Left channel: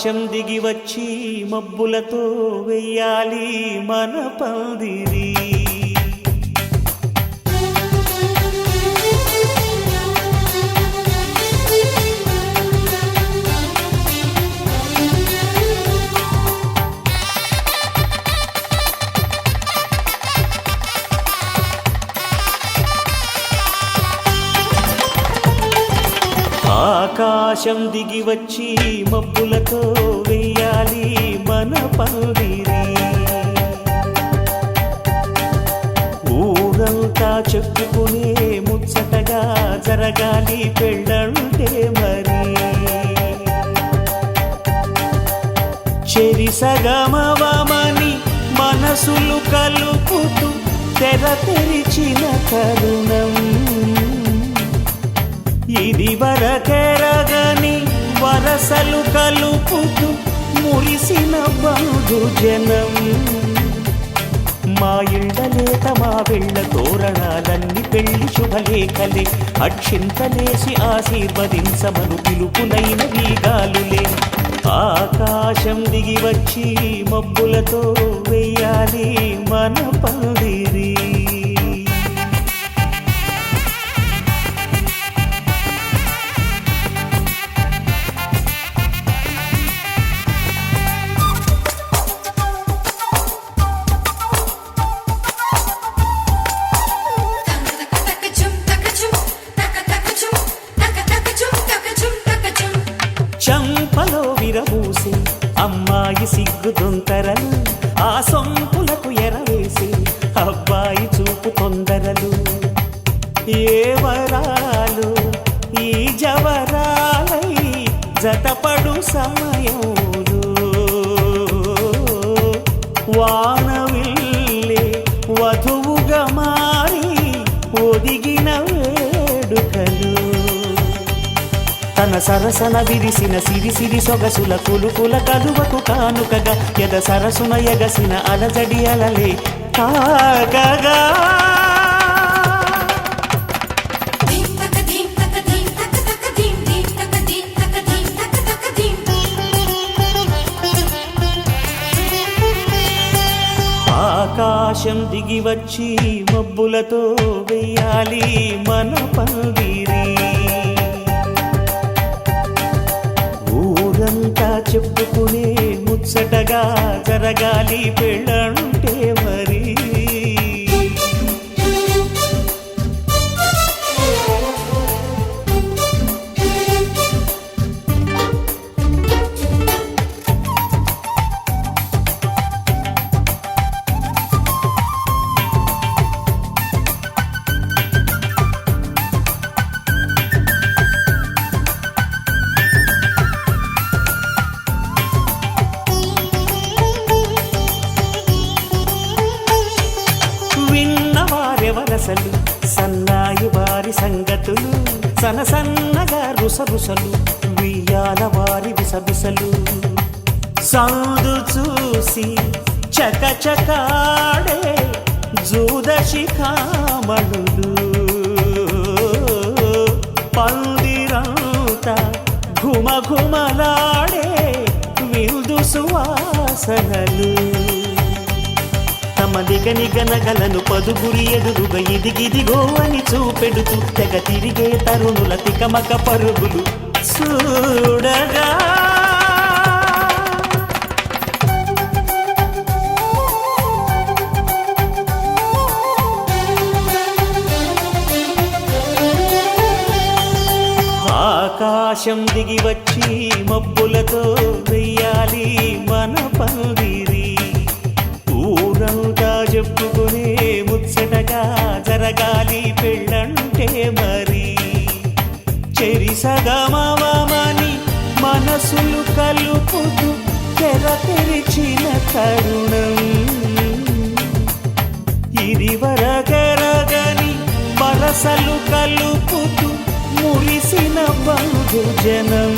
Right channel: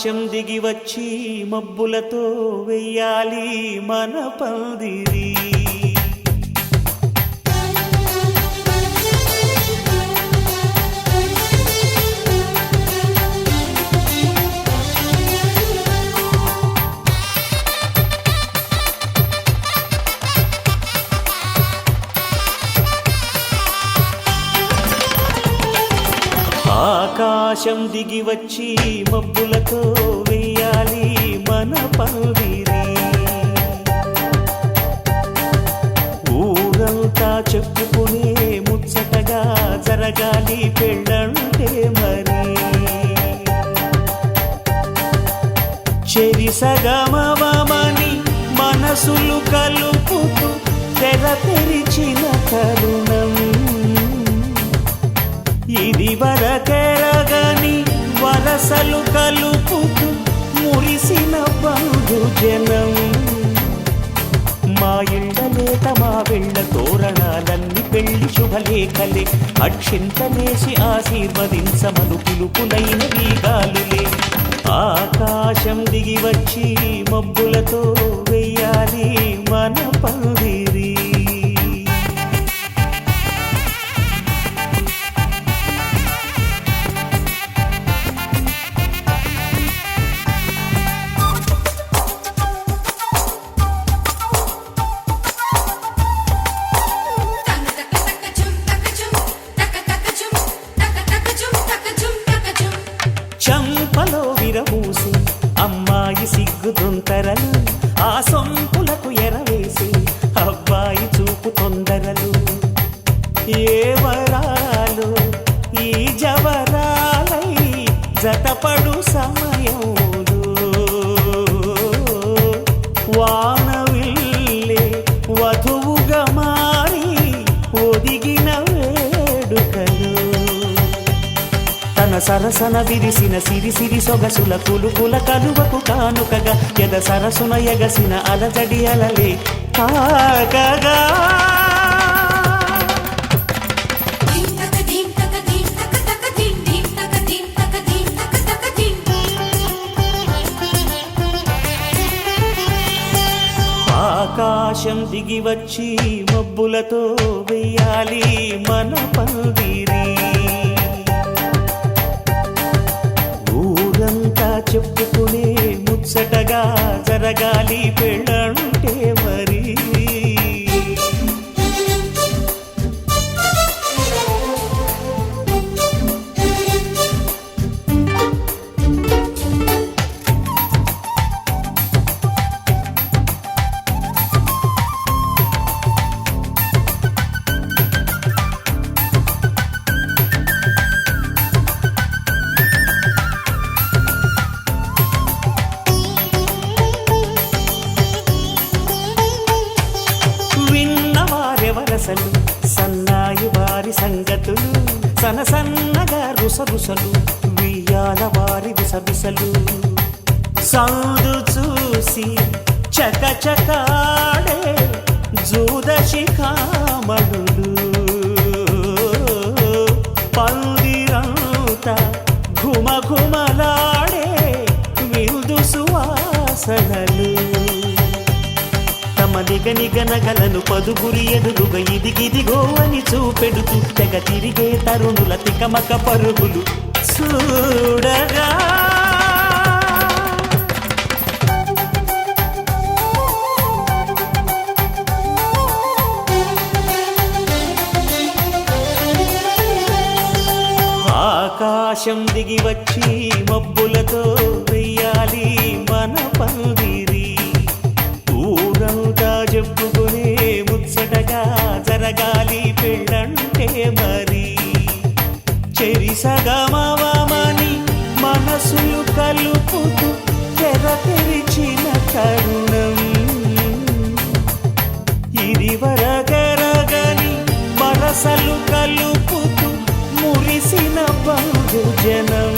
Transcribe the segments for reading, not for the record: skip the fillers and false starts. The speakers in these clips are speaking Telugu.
ఆకాశం దిగి వచ్చి మబ్బులతో వెయ్యాలి మన పందిరి. ఆకాశం దిగి వచ్చి మబ్బులతో వెయ్యాలి మన పందిరి. ఊరంతా చెప్పుకునే ముచ్చటగా జరగాలి పెళ్ళంటే మరి. చెరిసగమవమని మనసులు కలుపుతూ తెర తెరిచిన తరుణం. ఇది వరకెరగని వరసలు కలుపుతూ మురిసిన బంధుజనం. మా ఇళ్ళలేత మా వెళ్ళ తోరణాలన్నీ పెళ్లి శుభలేఖలే. అక్షింతలేసి ఆశీర్వదించమను పిలుపులైన వీగాలులే. ఆకాశం దిగి వచ్చి మబ్బులతో వెయ్యాలి మన పందిరి. చంపలో విరబూసి అమ్మాయి సిగ్గుదొంతరలు. ఆ సొంపులకు ఎరవేసి అబ్బాయి చూపు తొందరలు. ఏ వరాలు ఈ జవరాలై జతపడు సమయంలో. వానవిల్లే వధువుగా మారి ఒదిగిన వేడుకలు. తన సరసన విరిసిన సిరిసిరి సొగసుల కులుకుల కలువకు కానుకగా ఎద సరసున ఎగసిన అలజడి అలలే తాకగా. ఆకాశం దిగి వచ్చి మబ్బులతో వెయ్యాలి మన పందిరి. ఊరంతా చెప్పుకునే ముచ్చటగా జరగాలి పెళ్ళంటే మరి. విన్నవారెవరసలు సన్నాయి వారి సంగతులు. సనసన్నగా రుసరుసలు వియ్యాల వారి విసబిసలు. సౌదు చూసి చకచకాడే జూదశిఖామణులు. పందిరంతా ఘుమఘుమలాడే విందు సువాసనలు. తమ నిగనిగనగలను పదుగురి ఎదురుగా ఇదిగిదిగో అని చూపెడుతూ తెగ తిరిగే తరుణుల తికమక పరుగులు చూడగా. ఆకాశం దిగి వచ్చి మబ్బులతో వెయ్యాలి మన పందిరి. ఊరంతా చెప్పుకునే ముచ్చటగా జరగాలి పెళ్ళంటే మరి. చెరిసగమవమని మనసులు కలుపుతూ తెర తెరిచిన తరుణం. ఇది వరకెరగని వరసలు కలుపుతూ మురిసిన బంధుజనం.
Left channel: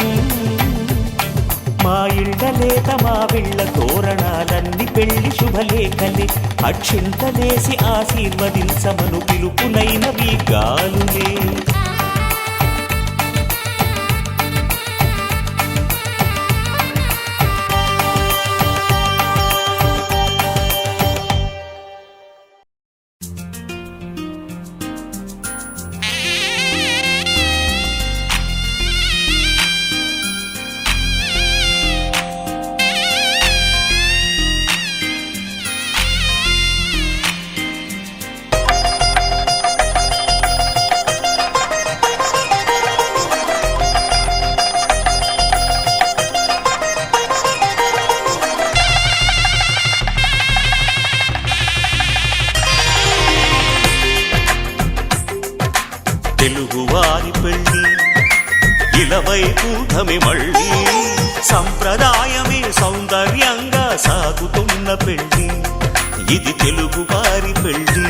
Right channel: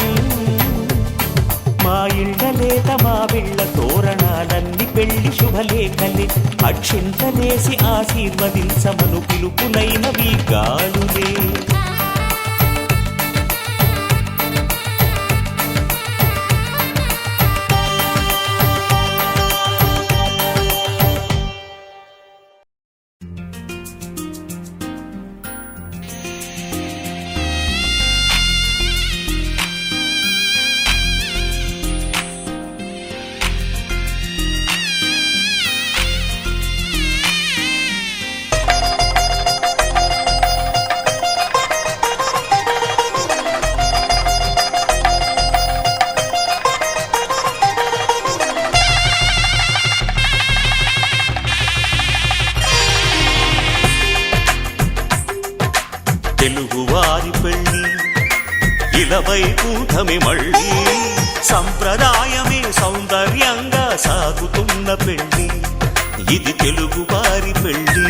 మా ఇళ్ళలేత మా వీళ్ళ తోరణాలన్నీ పెళ్లి శుభలేఖలే. అక్షింతలేసి ఆశీర్వదించమను పిలుపులైనవి గాలులే. తెలుగువారి పెళ్ళి ఇలవైకుంఠమే మళ్ళీ సంప్రదాయమే సౌందర్యంగా సాగుతున్న పెళ్ళి ఇది తెలుగువారి పెళ్ళి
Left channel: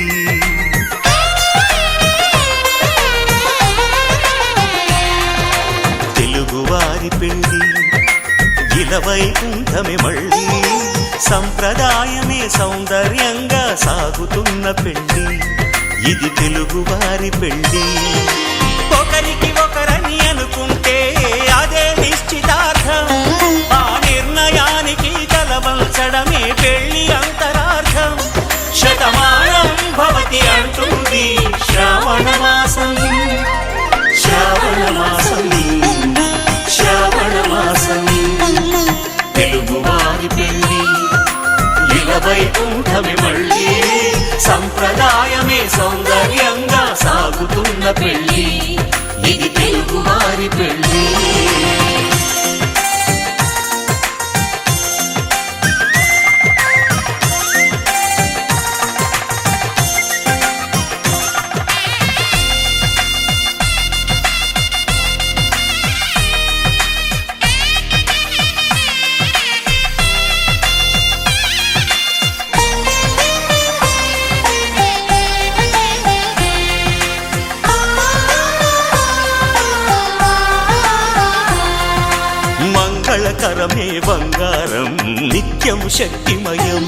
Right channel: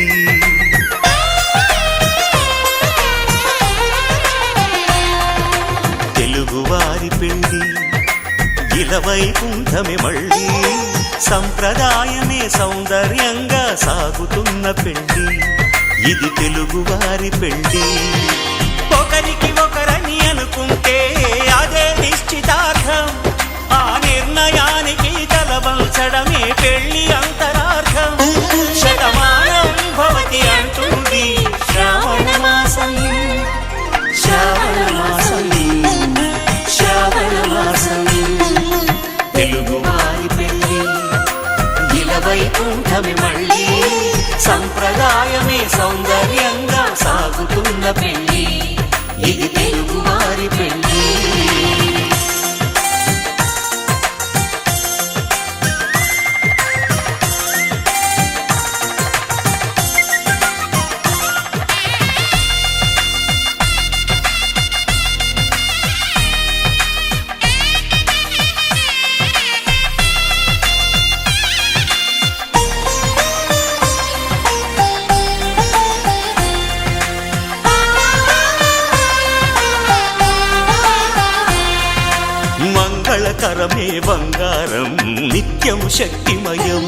తెలుగువారి పెళ్ళి ఇలవైకుంఠమే మళ్ళీ సంప్రదాయమే సౌందర్యంగా సాగుతున్న పెళ్ళి ఇది తెలుగువారి పెళ్ళి ఒకరికి ఒకరని అనుకుంటే అదే నిశ్చితార్థం ఆ నిర్ణయానికి తలవంచడమే పెళ్లి అంతరార్థం శతమానం భవతి అంటుంది శ్రావణ మాసం శ్రావణ మాసం శ్రావణ మాసం తెలుగువారి పెళ్ళి ఇలవైకుంఠమే మళ్ళీ సంప్రదాయమే సౌందర్యంగా సాగుతున్న పెళ్ళి ఇది తెలుగువారి పెళ్ళి మంగళకరమే బంగారం నిత్యం శక్తిమయం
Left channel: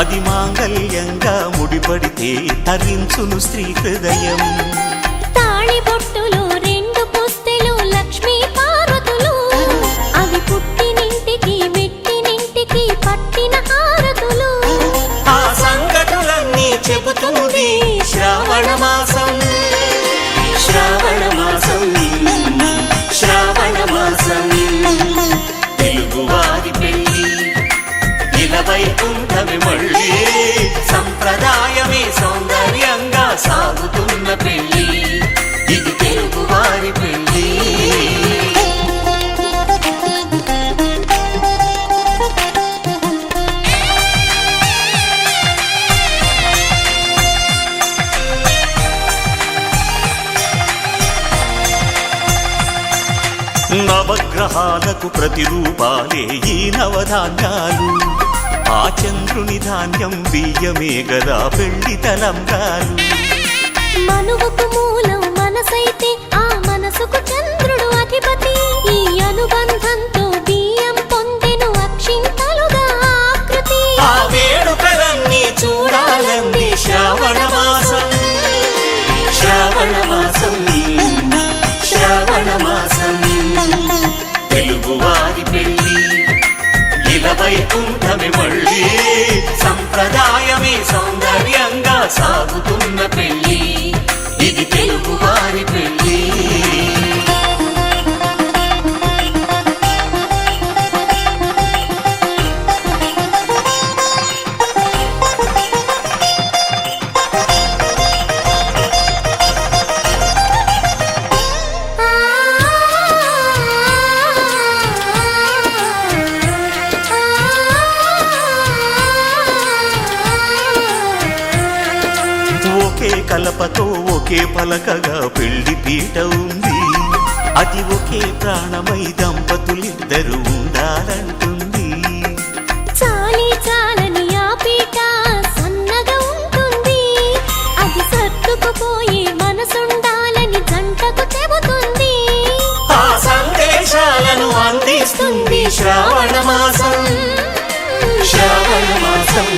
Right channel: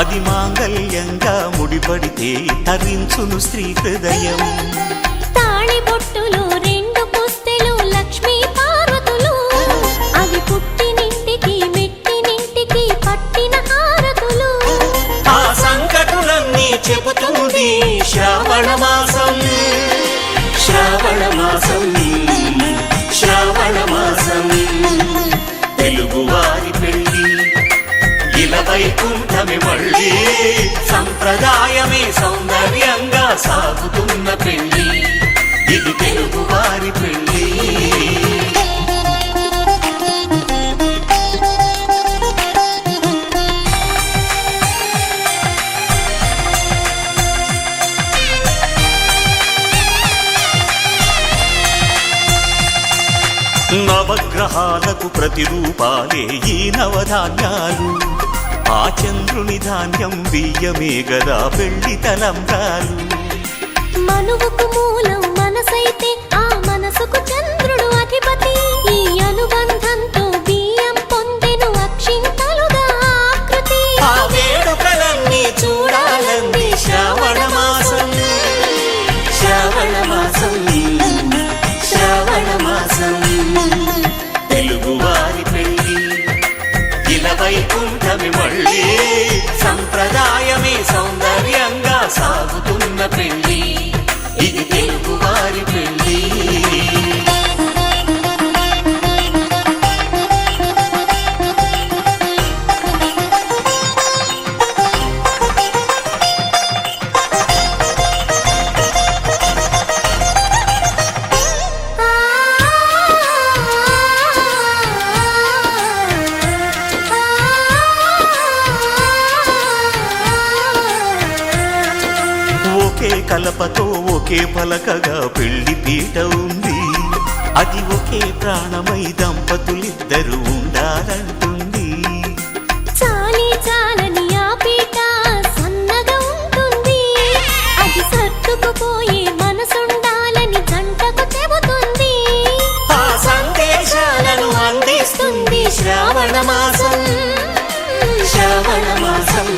అది మాంగళ్యంగా ముడిపడితే తరించును స్త్రీ హృదయం తాళి బొట్టులు రెండు పుస్తెలు లక్ష్మీ పార్వతులు అవి పుట్టినింటికి మెట్టినింటికి పట్టిన హారతులు ఆ సంగతులన్నీ చెబుతుంది శ్రావణ మాసం శ్రావణ మాసం శ్రావణ మాసం తెలుగువారి పెళ్ళి ఇలవైకుంఠమే మళ్ళీ సంప్రదాయమే సౌందర్యంగా సాగుతున్న పెళ్ళి ఇది తెలుగువారి పెళ్ళి నవగ్రహాలకు ప్రతిరూపాలే ఈ నవధాన్యాలు ఆ చంద్రుని ధాన్యం బియ్యమే గదా పెళ్లి తలంబ్రాలు మనువుకు మూలం మనసైతే ఆ మనసుకు చంద్రుడు అధిపతి ఈ అనుబంధంతో బియ్యం పొందెను అక్షింతలుగా ఆకృతి ఆ వేడుకలన్నీ చూడాలంది శ్రావణ మాసం శ్రావణ మాసం శ్రావణ మాసం తెలుగువారి పెళ్ళి ఇలవైకుంఠమే మళ్ళీ సంప్రదాయమే సౌందర్యంగా సాగుతున్న పెళ్ళి ఇది తెలుగువారి పెళ్ళి ఒకే కలపతో ఒకే పలకగా పెళ్లి పీట ఉంది అది ఒకే ప్రాణమై దంపతులిద్దరు ఉండాలంటుంది చాలి చాలని ఆ పీట సన్నగా ఉంటుంది అది సర్దుకుపోయే మనసుండాలని జంటకు చెబుతుంది ఆ సందేశాలను అందిస్తుంది శ్రావణ మాసం శ్రావణ మాసం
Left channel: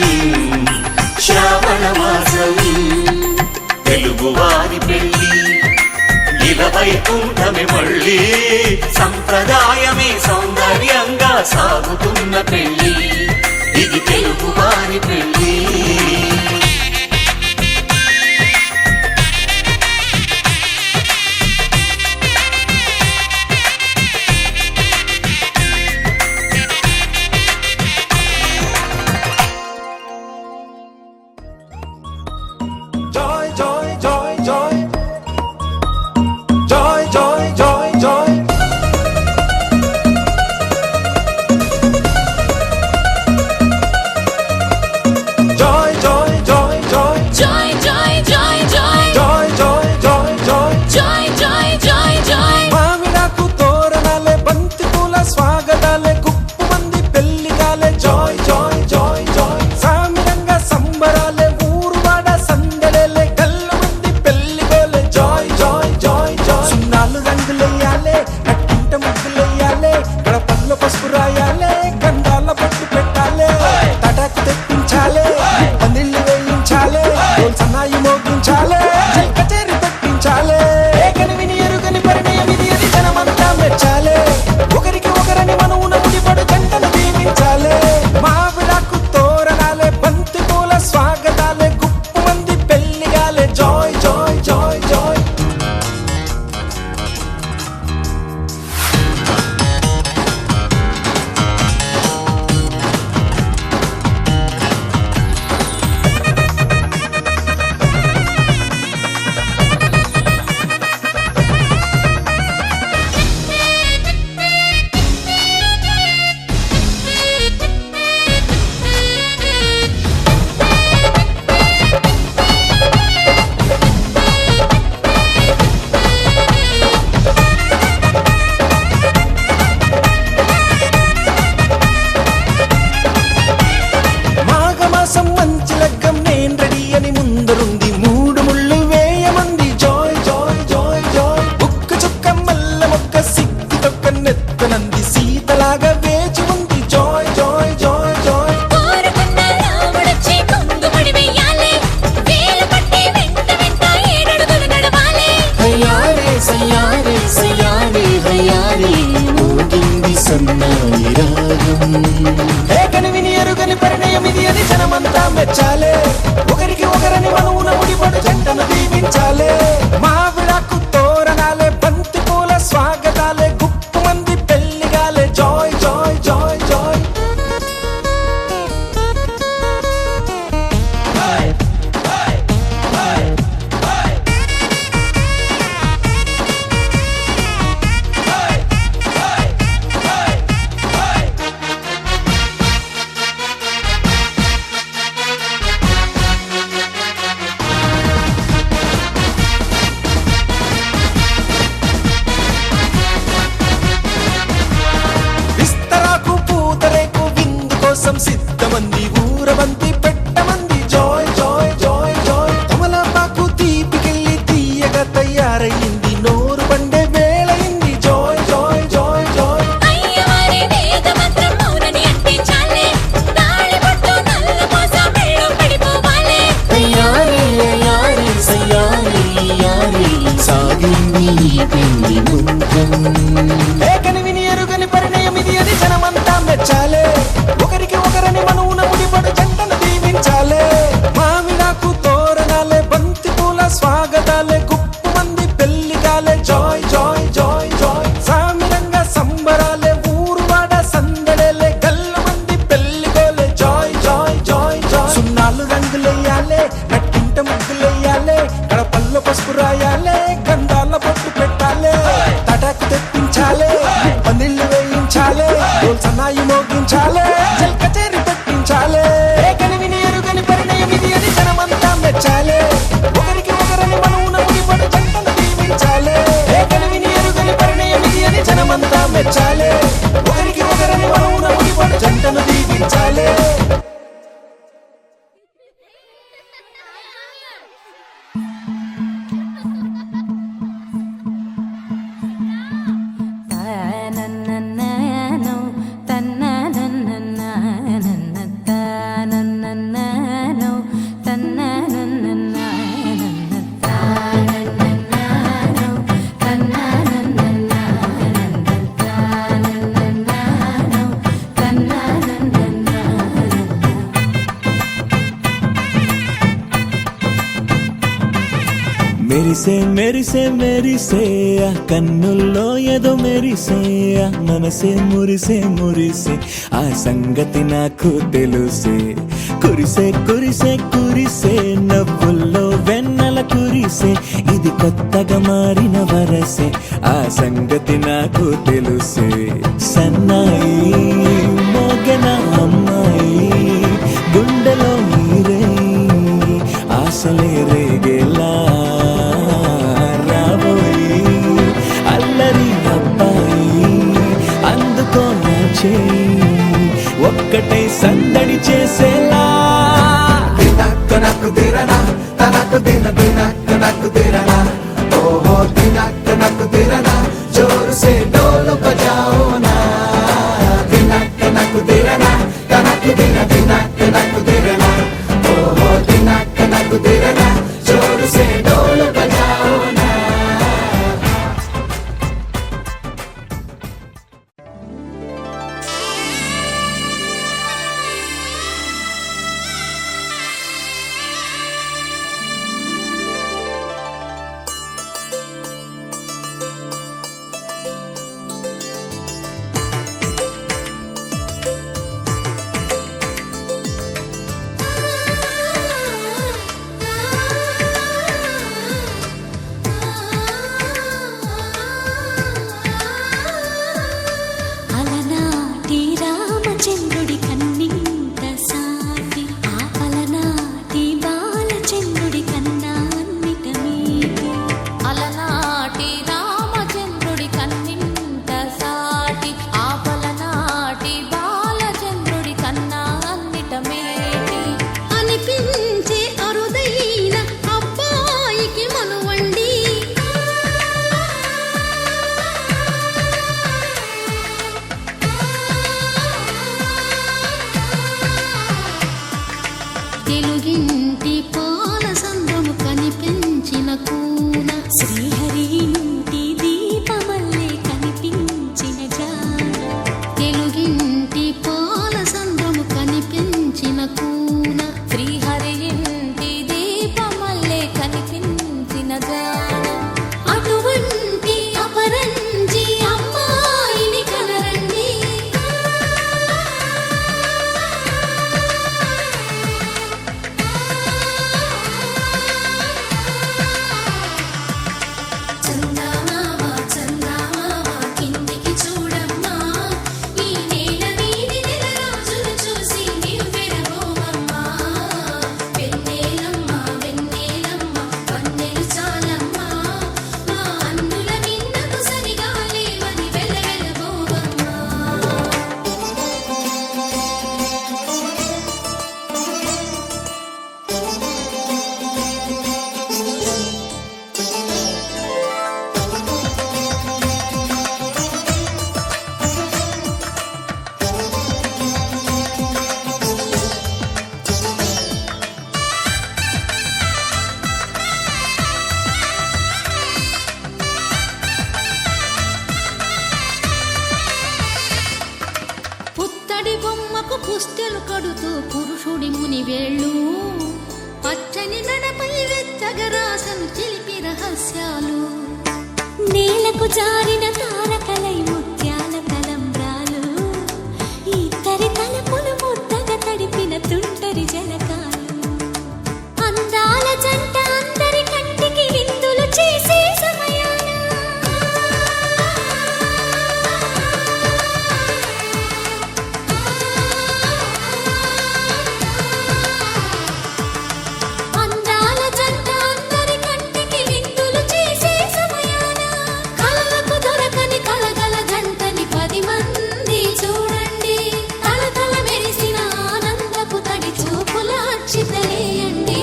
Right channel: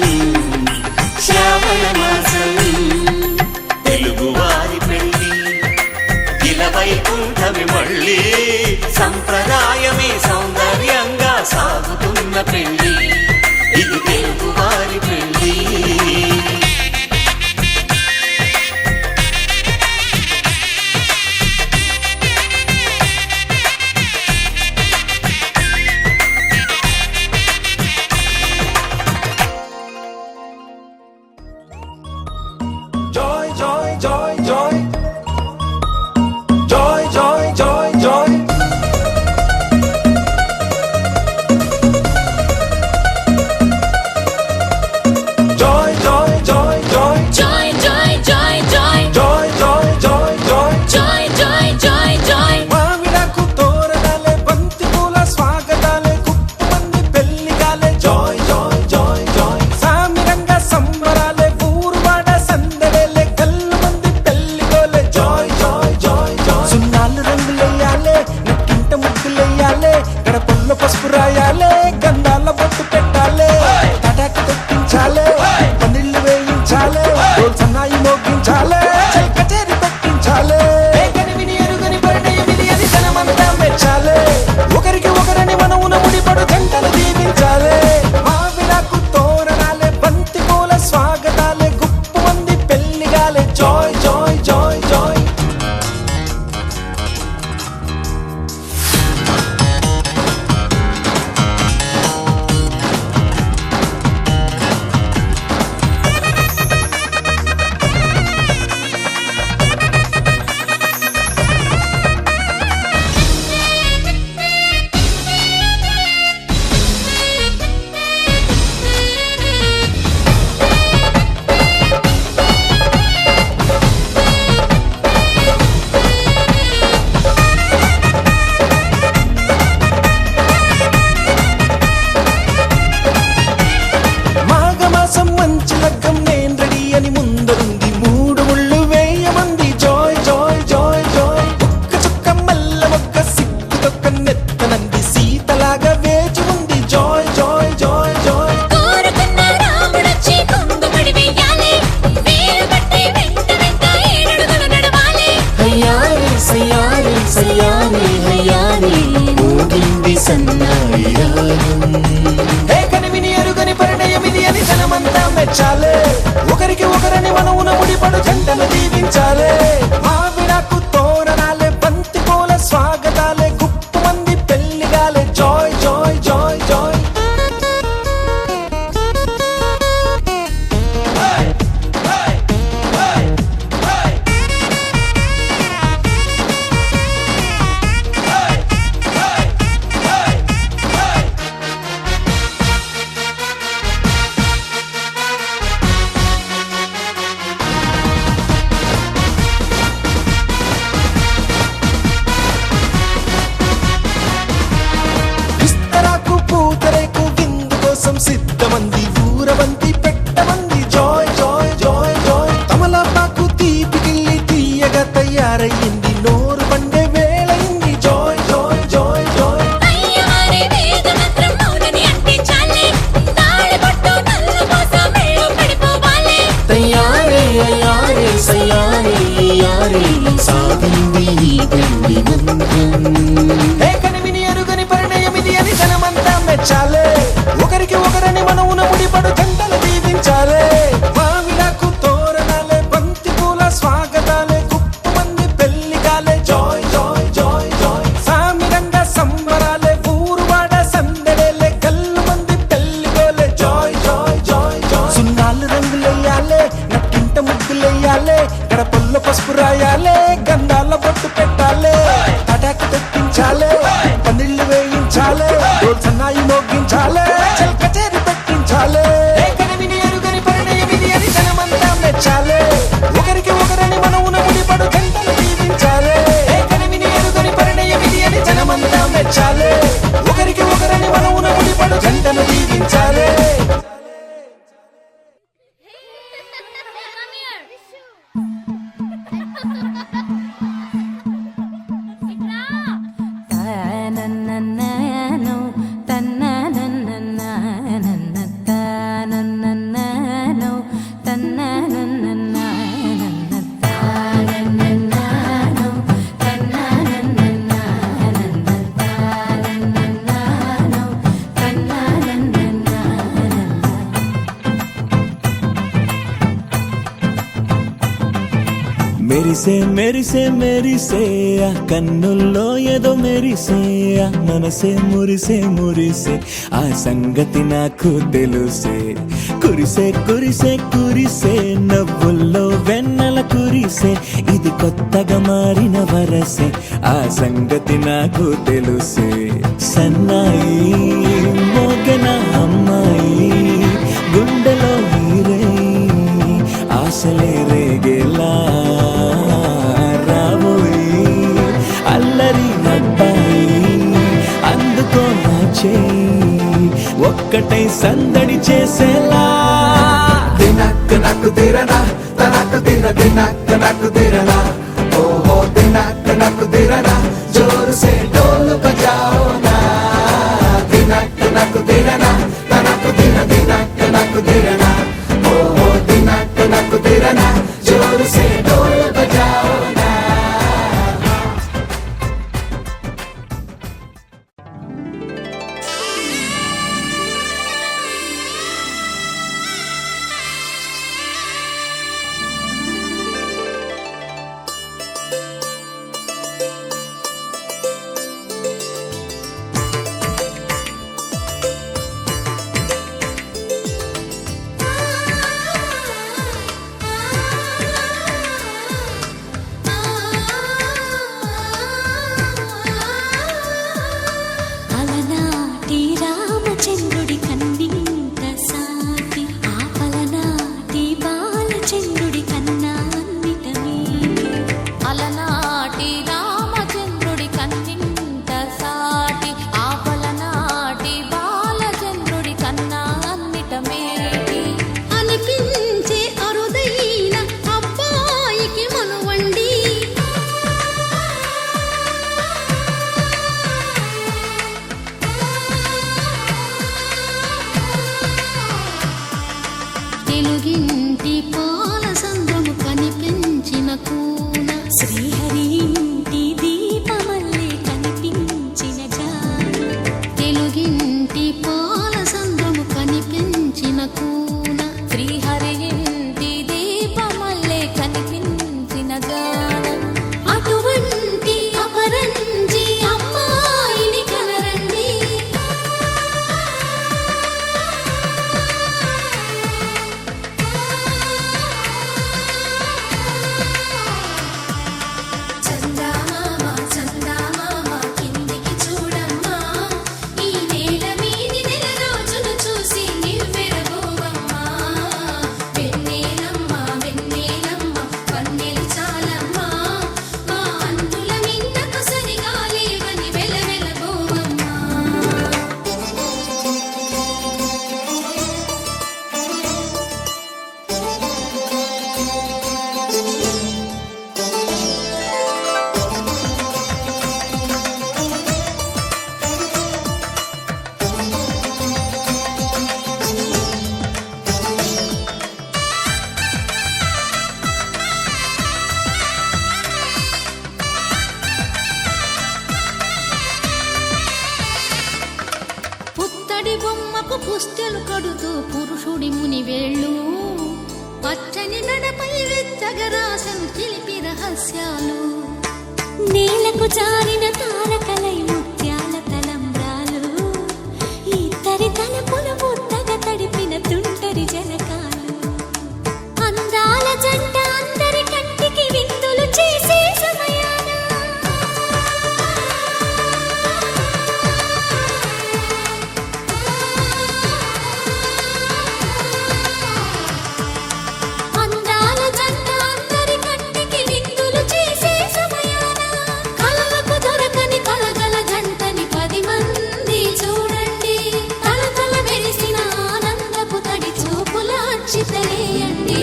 శ్రావణ మాసం తెలుగువారి పెళ్ళి ఇలవైకుంఠమే మళ్ళీ సంప్రదాయమే సౌందర్యంగా సాగుతున్న పెళ్ళి ఇది తెలుగువారి పెళ్ళి కోసం సిద్ధమంది ఊరవంతి పెట్టమంది జాయ్ జాయ్ జాయ్ జాయ్ తమలపాకు తీపికెళ్ళి తీయగా తయారయ్యింది నోరు బండే వేళయింది జాయ్ జాయ్ జాయ్ జాయ్ అయ్యవారి వేద మంత్రం మౌనని అంటించాలే తాళి పట్టు నల్ల మోస మెళ్ళో పెట్టుకోవాలే తయారే యారే సయారే యారే సాగింది ఈ పెళ్లి ఏ కనివిని ఎరుగని పరిణయమిది అని జనమంతా మెచ్చాలే ఒకరికి ఒకరని మనవున ముడిపడు జంటలు దీవించాలే మామిడాకు తోరణాలే బంతి పూల స్వాగతాలే గుప్పు మంది పెళ్లిగాలే జాయ్ జాయ్ జాయ్ జాయ్ సామిరంగా సంబరాలే ఊరువాడ సందడేలే గల్లు మంది పెళ్లిగోలే జాయ్ జాయ్ జాయ్ జాయ్ సున్నాలు రంగులెయ్యాలే నట్టింట ముగ్గులెయ్యాలే కడపల్లో పసుపు రాయాలే గంధాల బొట్టు పెట్టాలే తటాకు తెప్పించాలే పందిళ్ళు వేయించాలే సన్నాయి మోగించాలే చెల్ కచేరి పెట్టించాలే ఏ కనివిని ఎరుగని పరిణయమిది అని జనమంతా మెచ్చాలే ఒకరికి ఒకరని మనవున ముడిపడు జంటలు దీవించాలే ఏ కనివిని ఎరుగని పరిణయమిది అని జనమంతా మెచ్చాలే ఒకరికి ఒకరని మనవున ముడిపడు జంటలు దీవించాలే తనననననో తనననననననననననో తనననననననననననో తనననననననననననో మెరిసే మెరిసే మెరిసే ఆ కన్నుల్లో ఏదో మెరిసే ఆ మనసే మురిసే మురిసే ఆ సంగతి నాకు తెలుసే కురిసే కురిసే కురిసే నవ్వుల్లో వెన్నెల కురిసే ఇది కొత్తగా మారిన వరసే ఆ సంగతి నాకు తెలుసే సన్నాయి మోగన అమ్మాయి గుండెలో ఈరే ఆశలే రేగేలా రాబోయి అల్లరి అబ్బాయి అందుకో నా చేయి ఒక్కటై సందడి చేసేలా దినక్క నాకు దిరనా తనకు దిన దినక్క నాకు దిరనా ఓహో దినక్క నాకు దిరనా జోరు సే డోలు బజాओ నా దినక్క నాకు దిరనా తనకు దిన దినక్క నాకు దిరనా ఓహో దినక్క నాకు దిరనా జోరు సే డోలు బజాओ నా అలనాటి రామచంద్రుడి కన్నింత సాటి ఆపలనాటి బాలచంద్రుడి కన్నా అన్నిట మీటి అలనాటి రామచంద్రుడి కన్నింత సాటి ఆపలనాటి బాలచంద్రుడి కన్నా అన్నిట మేటి అనిపించే అరుదైన అబ్బాయికి మనువండి తెలుగింటి పాల సంద్రము కనిపించిన కూన శ్రీహరి ఇంటి దీపమల్లే కనిపించిన జాన తెలుగింటి పాల సంద్రము కనిపించిన కూన శ్రీహరి ఇంటి దీపమల్లే కనిపించిన జాన అటువంటి అపరంజి అమ్మాయిని కనరండి వెన్నెలమ్మ వెన్నెలమ్మ వన్నెలు చాలమ్మ పుస్తెలు కడుతూ పురుషుడి ముని వేళ్ళు పచ్చని మెడపై వెచ్చగరాసను చిలిపి రహస్యాలు నేలకు జారిన తారకలై ముత్యాల తలంబ్రాలు ఇద్దరి తలపులు ముద్దగా తడిపిన తుంటరి జలకాలు అందాల జంట అందరి కంటికి విందులు చేసే సమయాన అందాల జంట అందరి కంటికి విందులు చేసే సమయాన కలలకు దొరకని కలగల జంటని 10 మంది చూడండి తలతల మెరిసిన ఆనందపు తడి చూపుల అక్షితలేయండి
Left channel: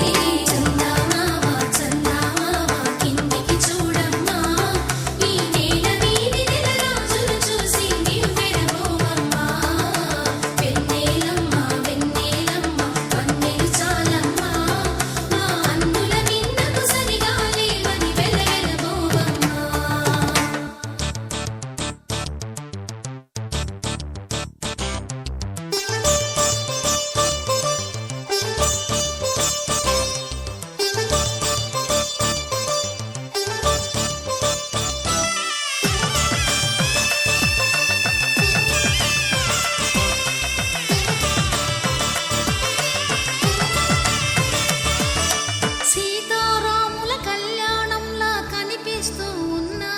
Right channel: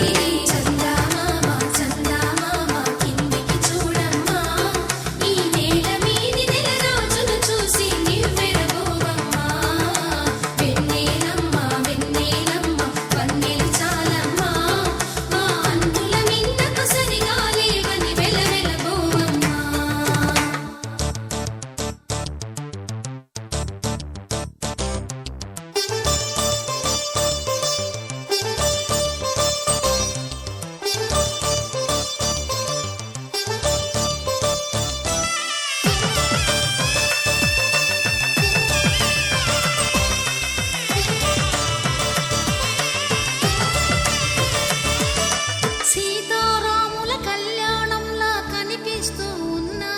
సీతారాముల కళ్యాణంలా కనిపిస్తూ ఉన్నా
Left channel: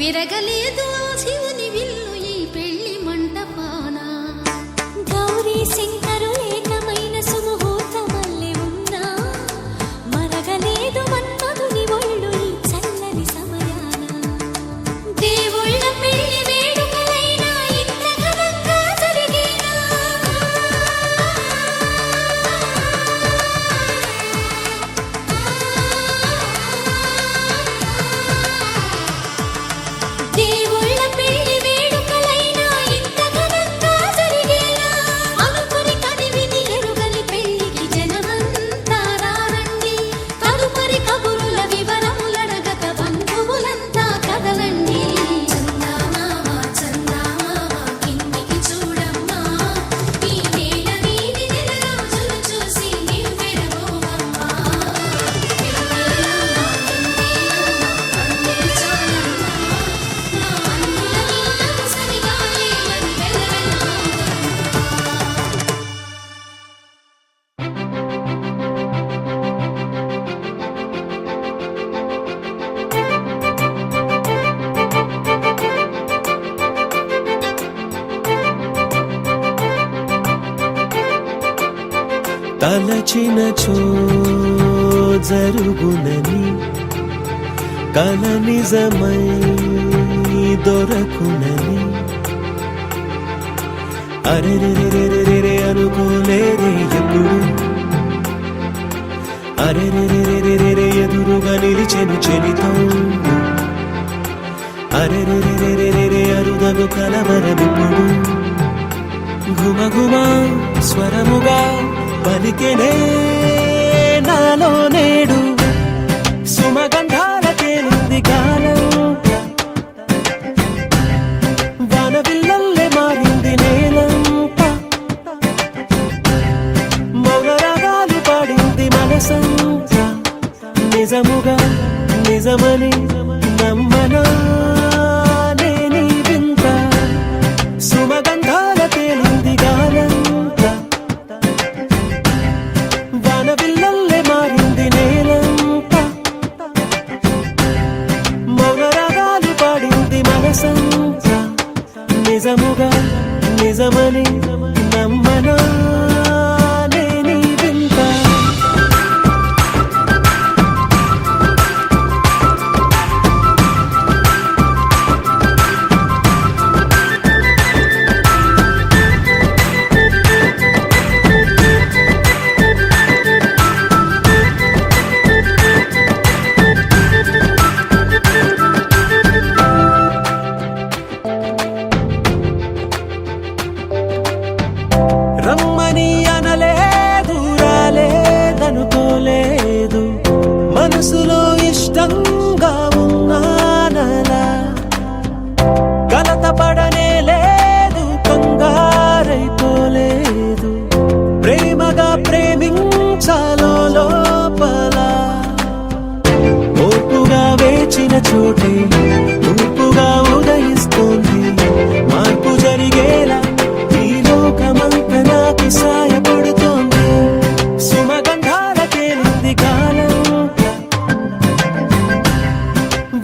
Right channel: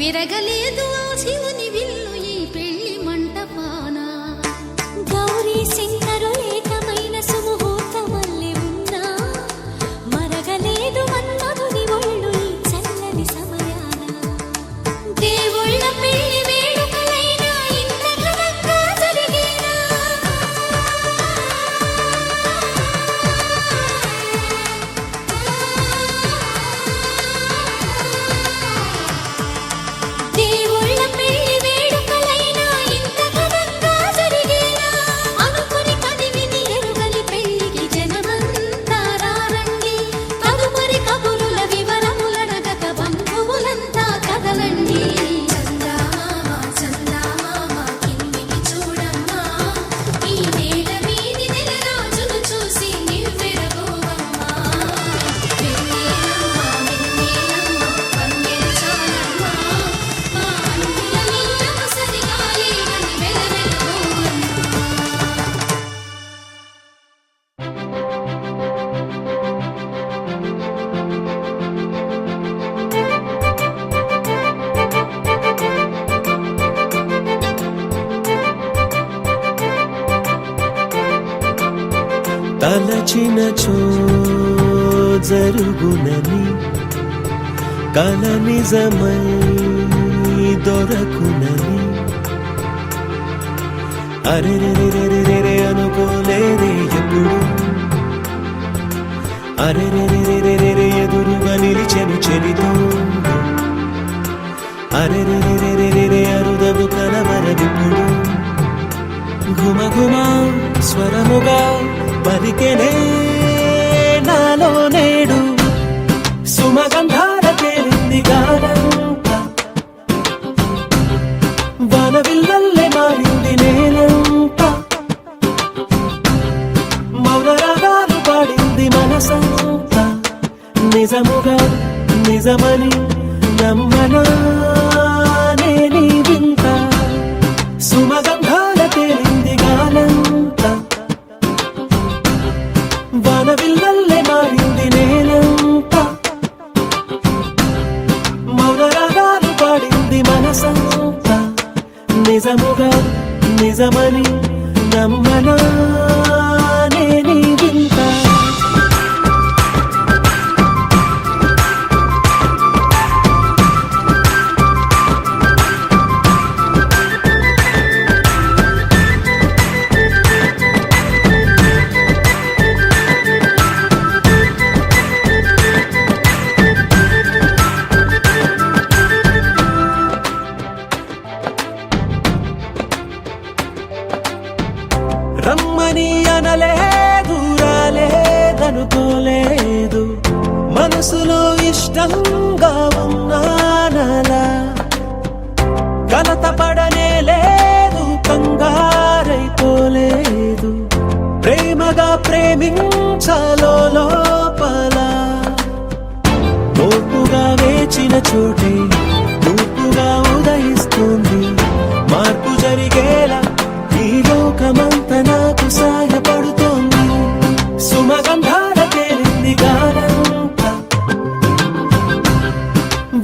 విరగలేదు ఆ శివుని విల్లు ఈ పెళ్లి మంటపాన గౌరీ శంకరు ఏకమైన సుముహూర్తమల్లె ఉన్నా మరగలేదు మన్మధుని ఒళ్ళు ఈ చల్లని సమయాన దేవుళ్ళ పెళ్లి వేడుకలైనా ఇంత ఘనంగా జరిగేనా దేవుళ్ళ పెళ్లి వేడుకలైనా ఇంత ఘనంగా జరిగేలా అనుకుని కదివిని ఎరుగని పెళ్లికి జనమంతా రారండి తదుపరి కబురుల వివరములడగక బంధువులంతా కదలండి తలచినచో జరుగునని కల నిజమై దొరకునని అరెరెరెరెరెరె అనుకోలేదే ఎప్పుడు అరెరెరెరెరెరె ఎదురుగా నిలిచెను చెలితోడు అరెరెరెరెరెరె అరుదగు కలవరమిప్పుడు ఘుమఘుమ స్వరముగా పలికెనే నాలో నేడు సుమగంధాల తేలింది గానంత వానవిల్లల్లే మారింది నేలంత మౌన రాగాలు పాడింది మనసంత నిజముగా నిజమని నమ్మనా నేనీ వింత సుమగంధాల తేలింది గానంత వానవిల్లల్లే మారింది నేలంత మౌన రాగాలు పాడింది మనసంత నిజముగా నిజమని నమ్మనా నేనీ వింత రమ్మని అనలేదు రాలేదనుకోలేదు మనసులో ఇష్టంగా ఉన్నానలా కలత పడనే లేదు కంగారైపో అనుకోలేదు ప్రేమగా ప్రేమించాలో లోపల ఓర్పుగా వేచిన చోటే తూర్పుగా ఉదయిస్తుంది మార్పు జరిగేలా ఈ లోకమంతా నాకు సాయపడుతోంది సుమగంధాల తేలింది కాలంతా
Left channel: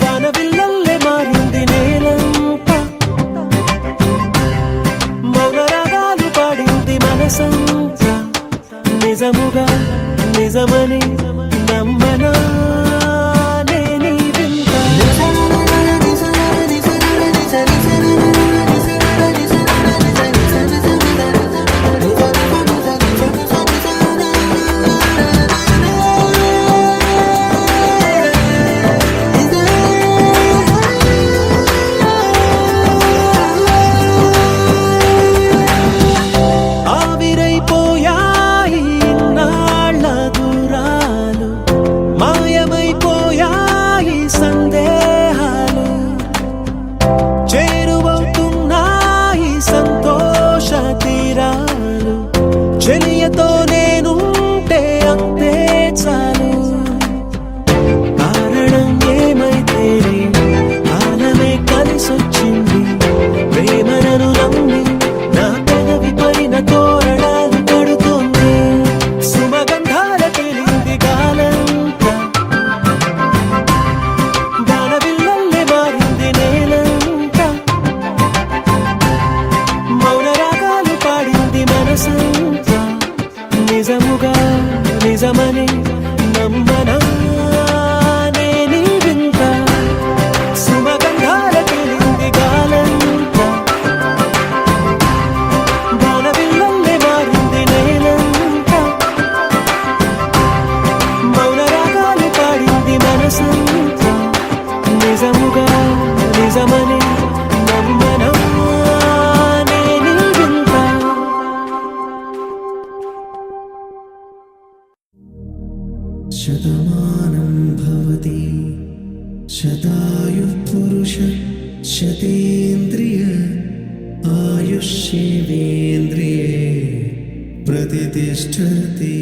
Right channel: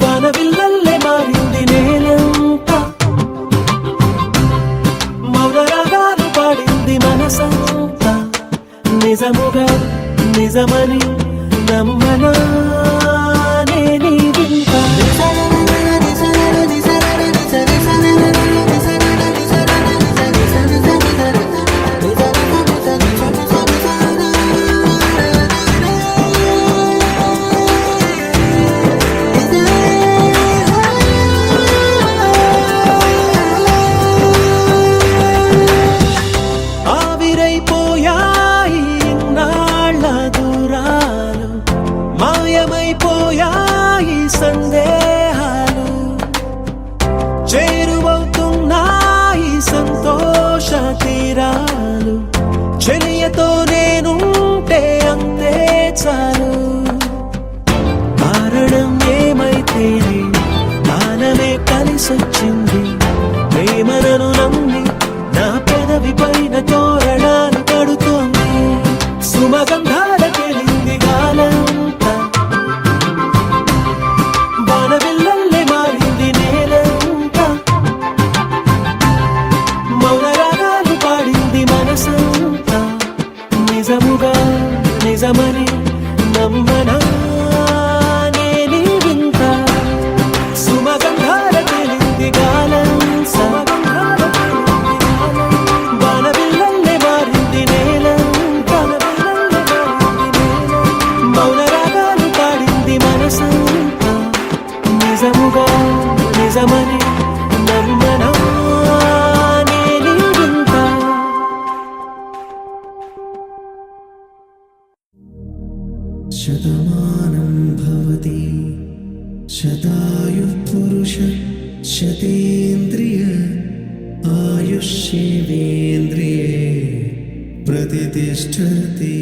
వానవిల్లల్లే మారింది నేలంతా మౌన రాగాలు పాడింది మనసంతా నిజముగా నిజమని నమ్మనా నేనీ వింత ఆవిరైపోయాయి ఇన్నాళ్ళ దూరాలు మాయమైపోయాయి సందేహాలు చేరువవుతున్నాయి సంతోష తీరాలు చెలియతో నేనుంటే అంతే చాలు కారణం ఏమైతేనే కాలమే కలిసొచ్చింది ప్రేమను నమ్మి నా పెదవి పైన తోరణాలు కడుతోంది సుమగంధాల తేలింది గాలంతా వానవిల్లల్లే మారింది నేలంతా మౌన రాగాలు పాడింది మనసంతా నిజముగా నిజమని నమ్మనా నేనీ వింత సుమగంధాల తేలింది గాలంతా వానవిల్లల్లే మారింది నేలంతా మౌన రాగాలు పాడింది మనసంతా నిజముగా నిజమని నమ్మనా నేనీ వింత శతమానం భవతి శతాయుః పురుష శతేంద్రియ ఆయుష్యేవేంద్రియే ప్రతిష్టతి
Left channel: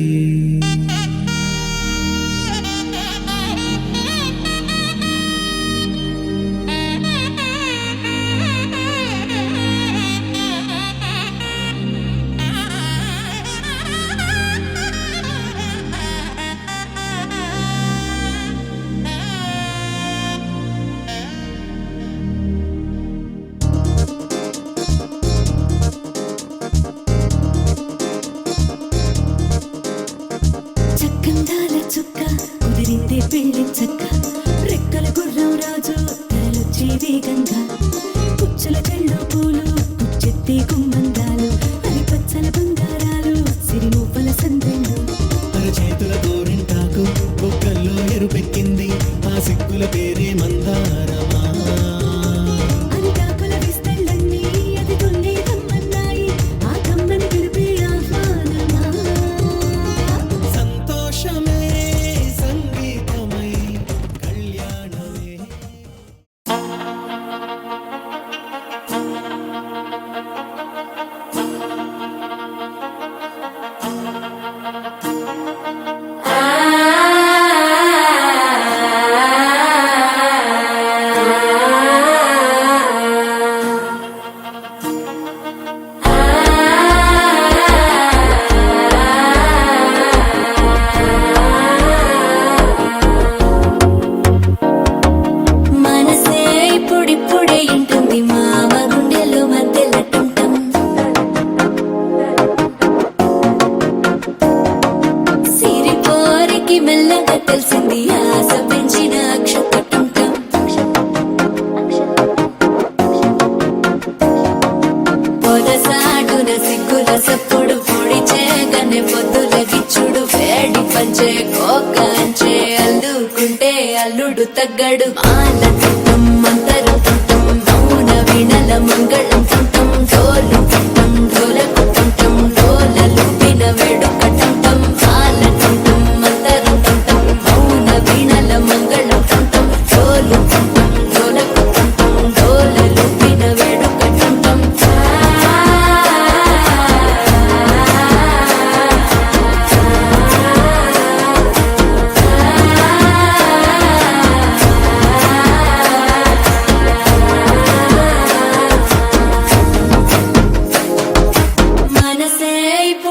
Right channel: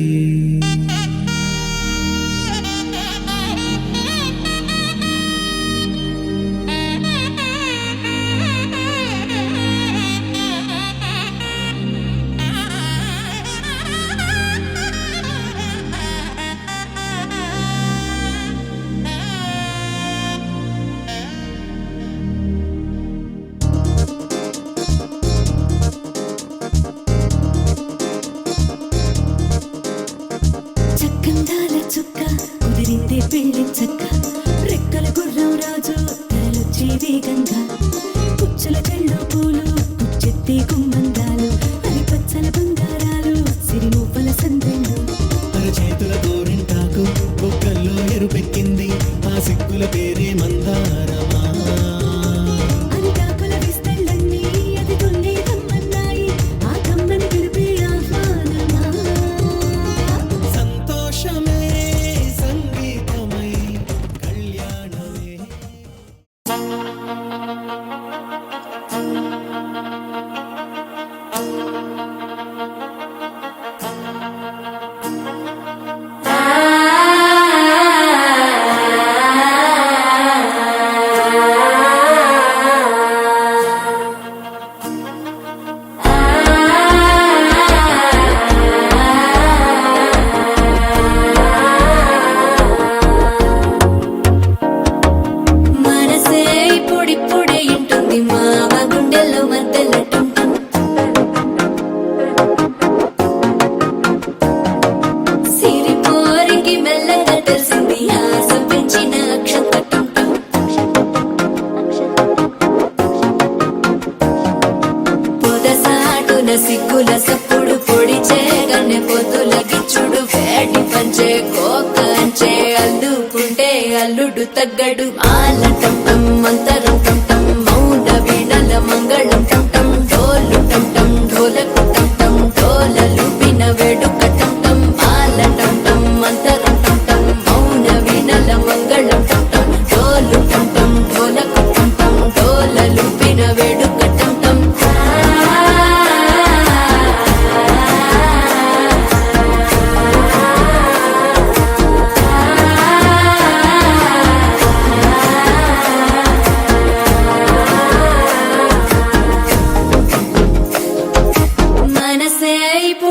చక్కందాల చుక్క కుదిరిందే పెళ్లి చక్క రెక్కల గుర్రం రాజు తరలొచ్చే వేగంగా పుచ్చుల కళ్ళు పూలు పుచ్చెత్తే గుమ్మందాలు అవి పచ్చల బంగారాలు సిరిమూపల సందెళ్ళు చేతుల గోరింటాకు బొక్కల్లో ఎరుపెక్కింది ఆ సిగ్గుల పేరే మందారమా అరిటాకుల విస్తళ్ళన్నీ అది తొల్లి రమ్మన్నాయి ఆ కమ్మని పిలిపే ఆహ్వానమా సంతోషమే సంగీతమై కళ్యాణమే మనసే ఇప్పుడిప్పుడే ఇంటుంది మామ గుండెలు మధ్యలటుంటాం సిరి కోరికి మెల్లగా తెలిసింది ఆశ పెంచిన అక్షతటుంటాం పొదసాటున సిగ్గుల సప్పుడు పొడి చేయగానే పొద్దుల గిచ్చుడు వేడి పంచే కోకలంచే అల్లుకుంటే అల్లుడు తగ్గడు మాల టుంటం మంతరు టుంటం మౌన వీణల మంగళ టుంటం డోలు టుంటం డోలకు టుంటం డోలలు విన వేడుక టుంటం మాల టుంటం మంతరు టుంటం మౌన వీణల మంగళ టుంటం డోలు టుంటం డోలకు టుంటం డోలలు విన వేడుక టుంటం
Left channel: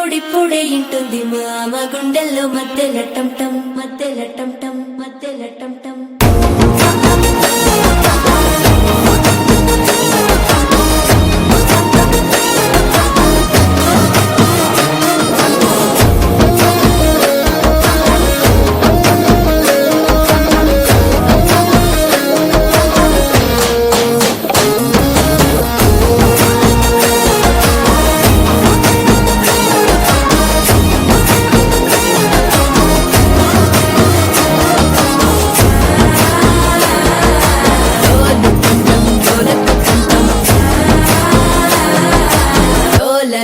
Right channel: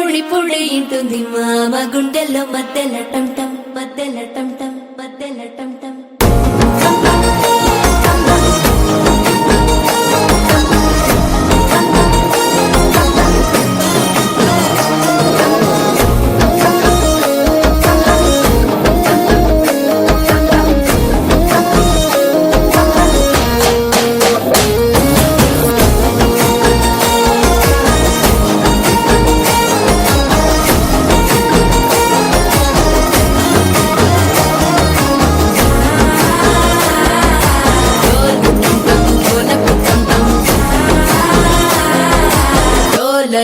పొడి పొడి ఇంటుంది మామ గుండెల్లో మధ్యల టం టం మధ్యల టం టం మధ్యల టం టం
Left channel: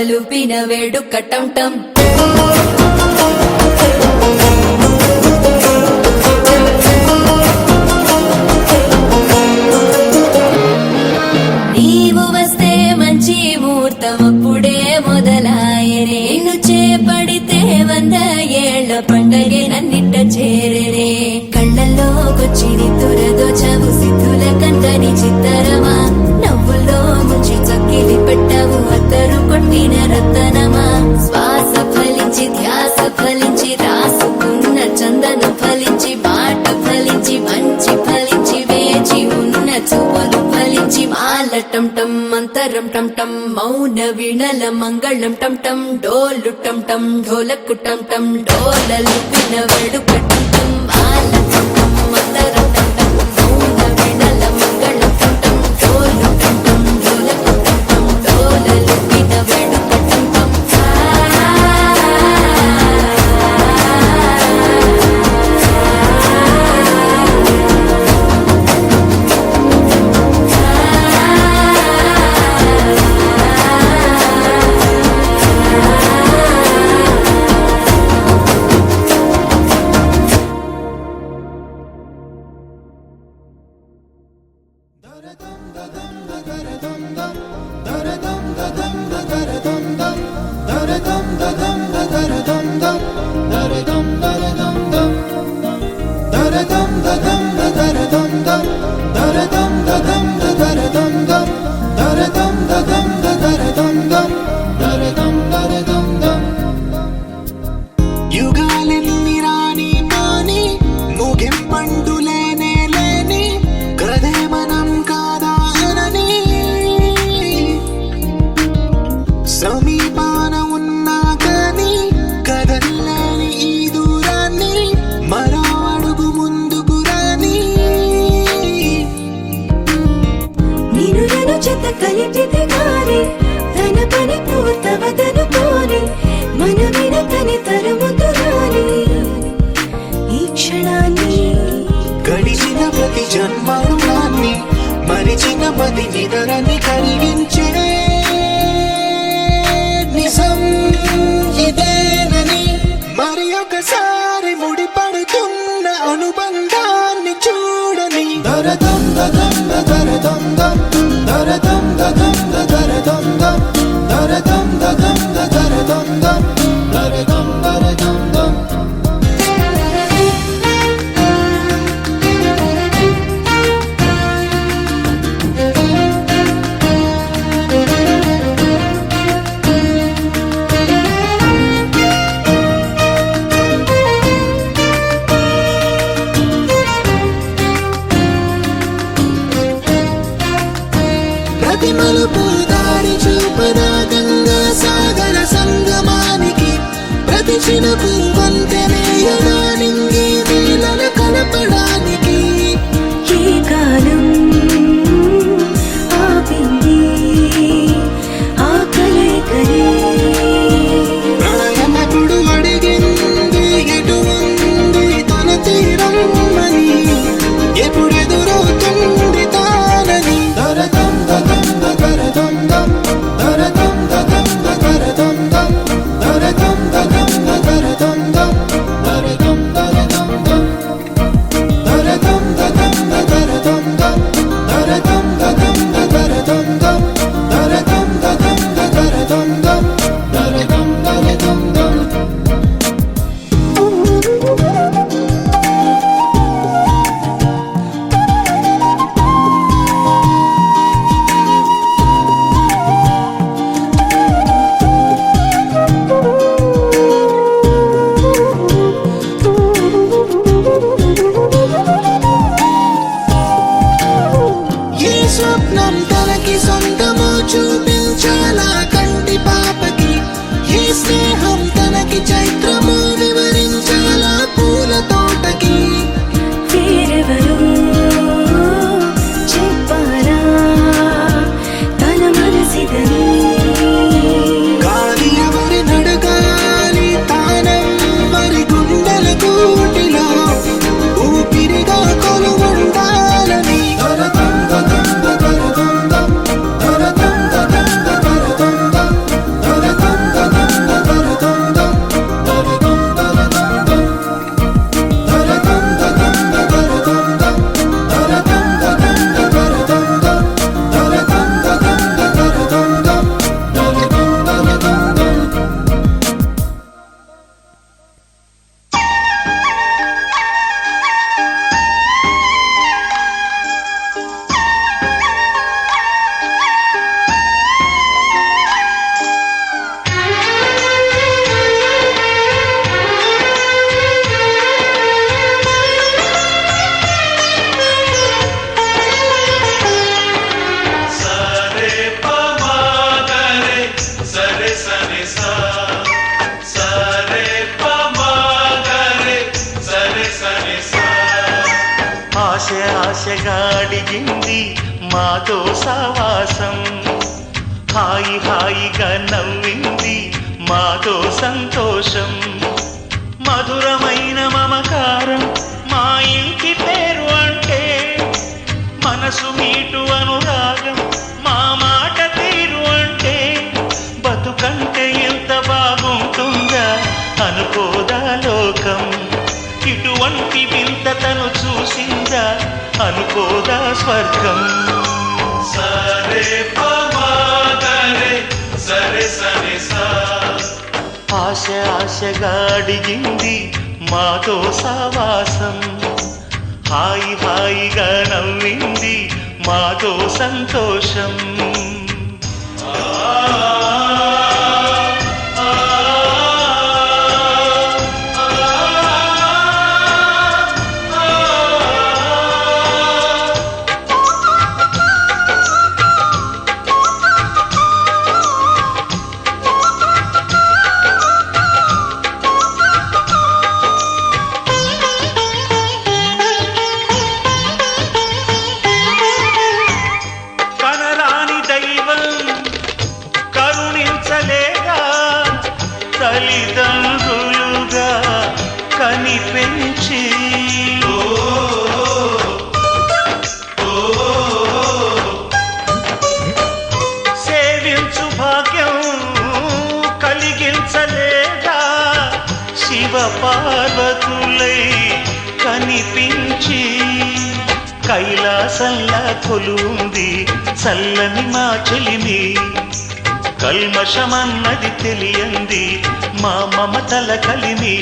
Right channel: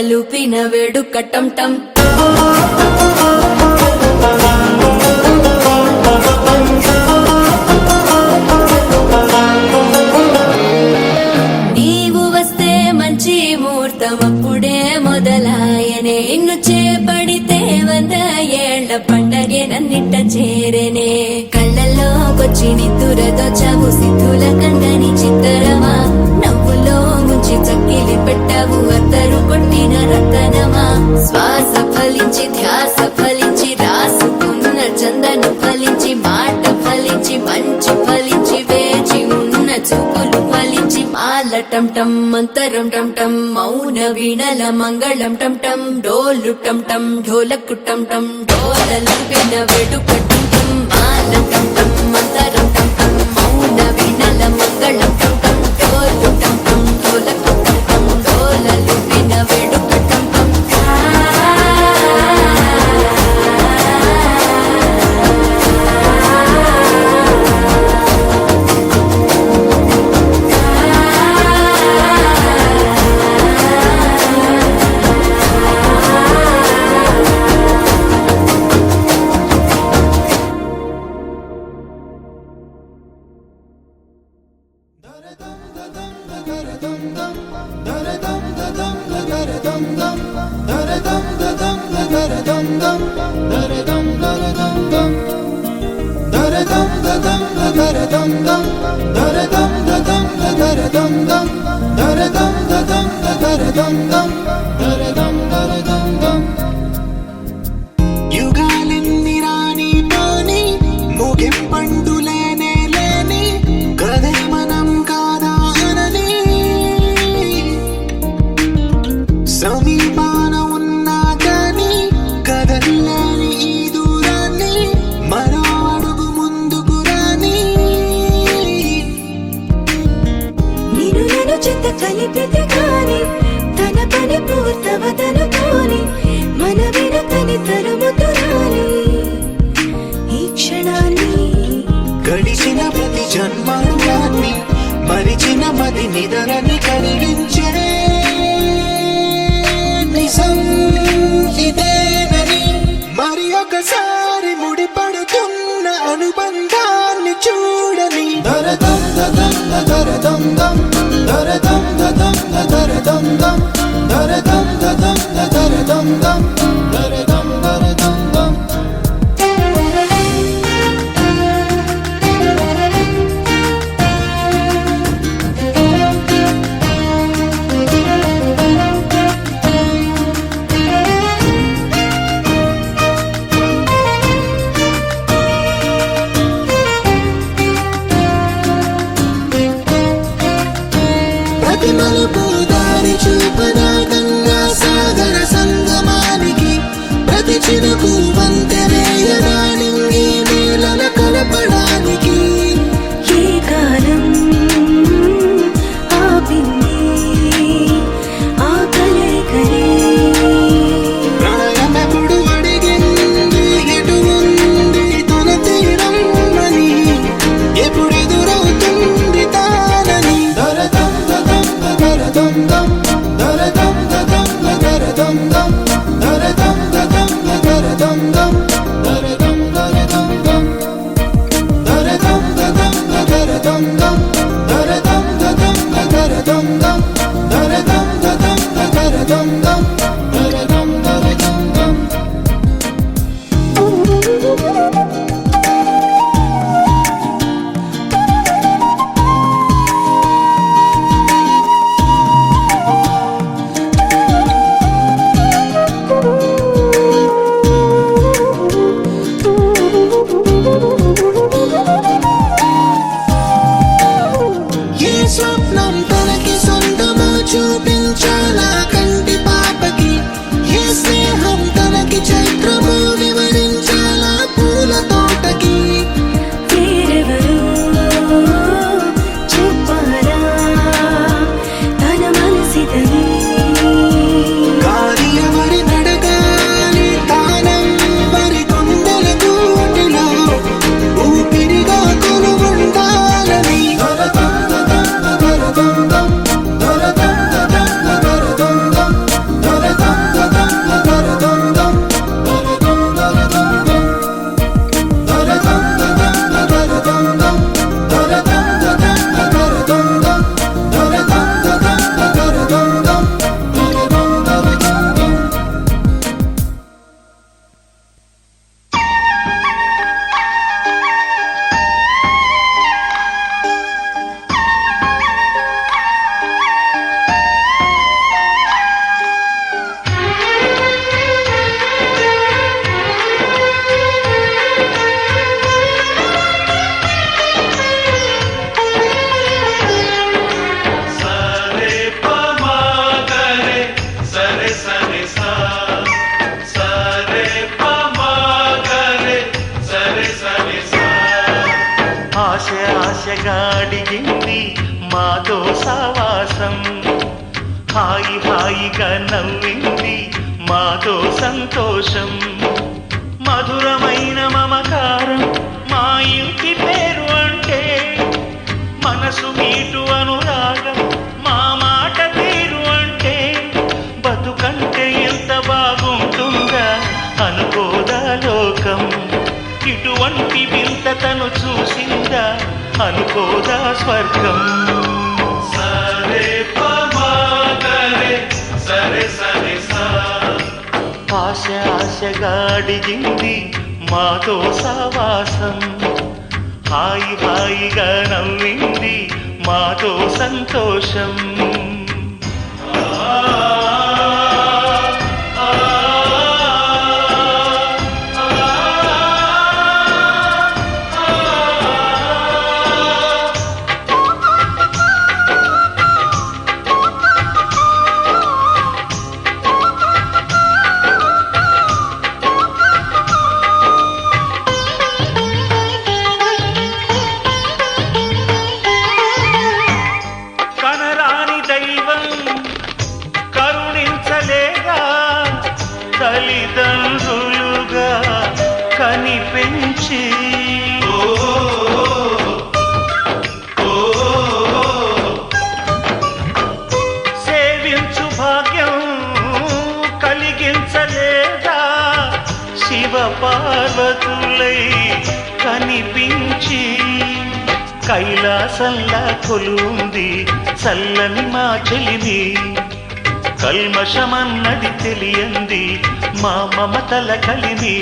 లూపిన వేడుక టం టం నీవు వస్తే మంచి ముహూర్తం అప్పుడే మొదలాయనే నిన్ను చేపడితే 100 ఏళ్ల పండగే నన్నిట్ట చేరనే కళ్ళల్లోకొచ్చి నిద్దురదో చావు సిద్ధుల కందని చిత్తరమా నవ్వులో ముంచి చక్కిలి పెట్టావు అందరూ కొట్టిన రతనమా శ్వాస ఫలించి ధ్యాస ఫలించి రాసుకున్న చందన ఫలించి మాట ఫలించి మంచి ఫలించి వేచి ఉన్న చూపులు ఫలించి మాల టం టం మంతరం టం టం మౌన వీణల మంగళం టం టం డోలు టం టం ఢోలకు టం టం డోలలు విన వేడుక టం టం మాల టం టం మంతరం టం టం మౌన వీణల మంగళం టం టం డోలు టం టం ఢోలకు టం టం డోలలు విన వేడుక టం టం యుగాలెన్ని రాని పోని ముగింపండు లేనే లేని కథే మనం కాదా అనని సమీపాన ఉన్నా కానీ కదల్లేని ఈ దూరాన్ని మరో అడుగు ముందుకు రాని నిన్ను నన్ను చెత్త కలిపితే గాని తన పని పూర్తవదనుకోని మన వెనకని తరుముతురాని ఈ క్షణాన్ని గడిచిన ప్రతి జన్మరుణాన్ని మరిచిన మది నిదరని కరిగించే నిజం ఇదేనని మరి ఒకసారి ముడిపడుతున్న అనుబంధాన్ని చూడని దరదం దదం దరదం దం దరదం దదం దరదం దం దరదం దదం దరదం దం దరదం దరదం దం ప్రతి మలుపు దారి చూపదా గంగా సాగర సంగమానికి ఆశగా అడిగింది మాతో సావాసం హాయి హాయిగా నవ్వింది మాతో సంతోషం మధురమైన మమకారం మా ఇంటి పేరు అంటే మనసు మీటు అనురాగం మా మాట తీరు అంటే బతుకంటే ఎంత బాగుంటుందా అనుకోదా లోకం ఇటువంటి వింత తను చూసిందా అనుకోదా స్వర్గం సరే సరే సరే ఆశ ఆశగా అడిగింది మాతో సావాసం హాయి హాయిగా నవ్వింది మాతో సంతోషం కనరాని దైవం కరుణించలేగా తల్లిదండ్రులుగా కనిపించి సేవించు భాగ్యం కలిగించలేగా శివ పార్వతులై కనిపించి కైలాసంలా కొలుంది చల్లని మా చెలిమి కల్మషమన్నది తెలియంది మా మమతల కలిమి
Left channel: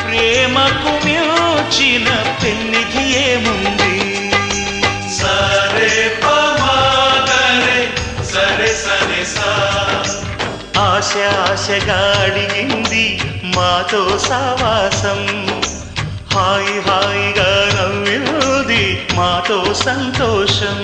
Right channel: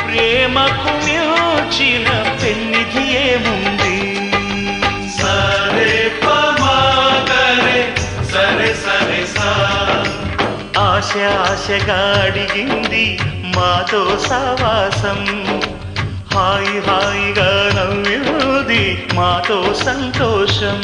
ప్రేమకు మించిన పెన్నిధి ఏముంది సరే సరే సరే ఆశ ఆశగా అడిగింది మాతో సావాసం హాయి హాయిగా నవ్వింది మాతో సంతోషం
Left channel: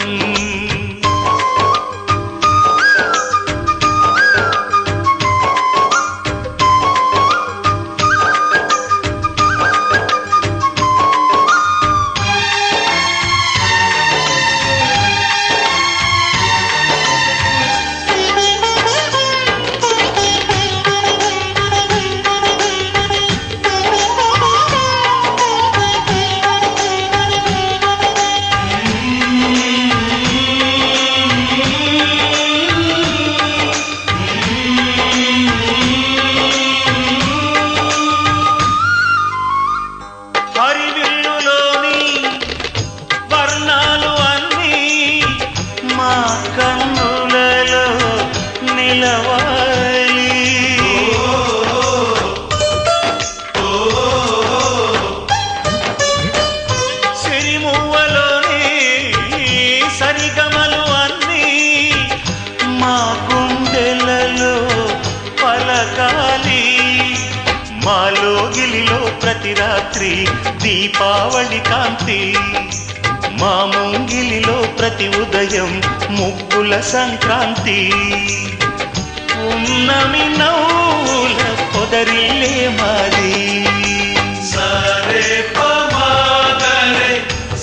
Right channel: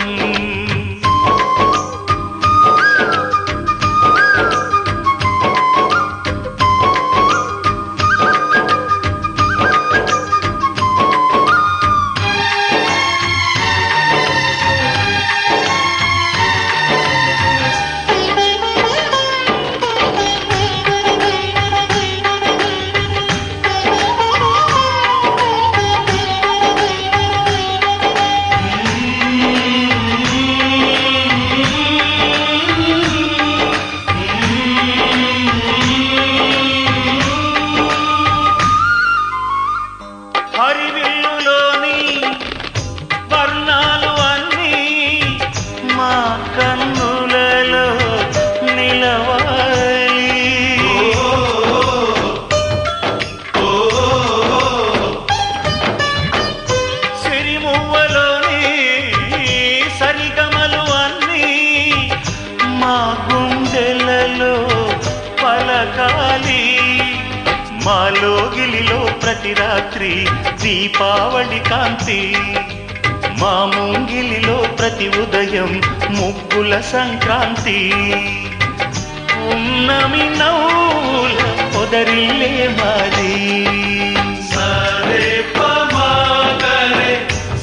హరివిల్లులోని వర్ణాలు అన్నీ మా కన్నులలో నిలవాలి సిరిమువ్వలోని సరిగమలు అన్నీ మా గుండెలలో పలకాలి మాలోగిలిలో ప్రతి రాత్రి దీపావళి కాంతి మా ముంగిలిలో ప్రతి ఉదయం ముగ్గుల సంక్రాంతి ఉన్నమి నవ్వుల పొదరిల్లే మాది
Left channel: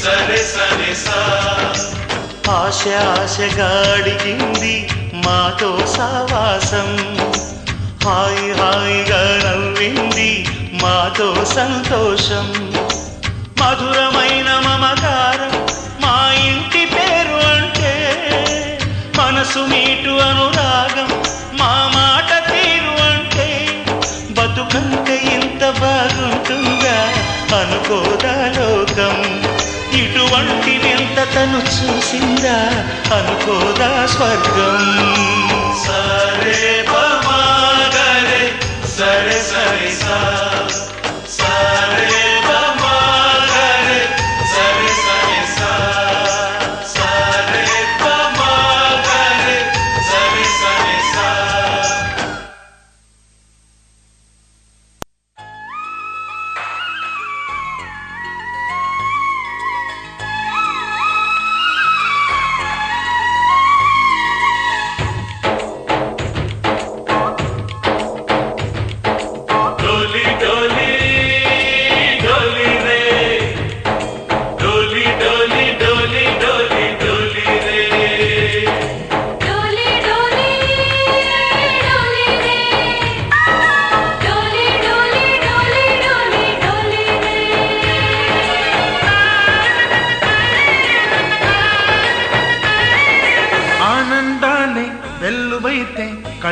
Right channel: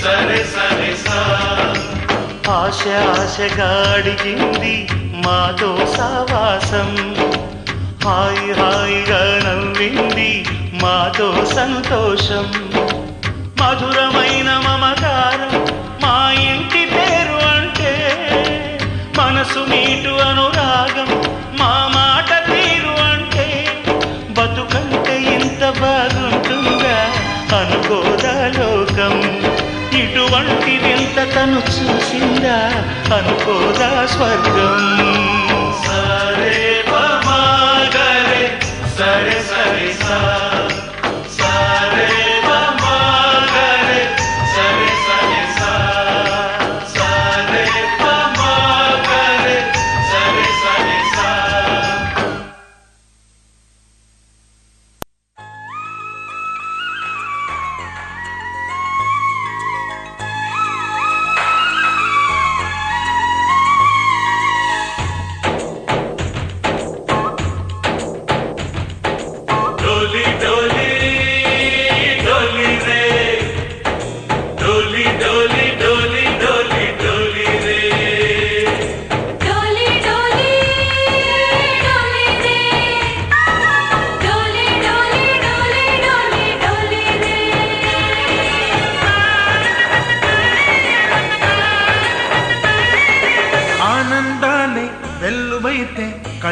సరే సరే ఆశ ఆశగా అడిగింది మాతో సావాసం హాయి హాయిగా నవ్వింది మాతో సంతోషం మధురమైన మమకారం మా ఇంటి పేరు అంటే మనసు మీటు అనురాగం మా మాట తీరు అంటే బతుకంటే ఎంత బాగుంటుందా అనుకోదా లోకం ఇటువంటి వింత తను చూసిందా అనుకోదా స్వర్గం సరే సరే సరే సరే సరే సరే డోలి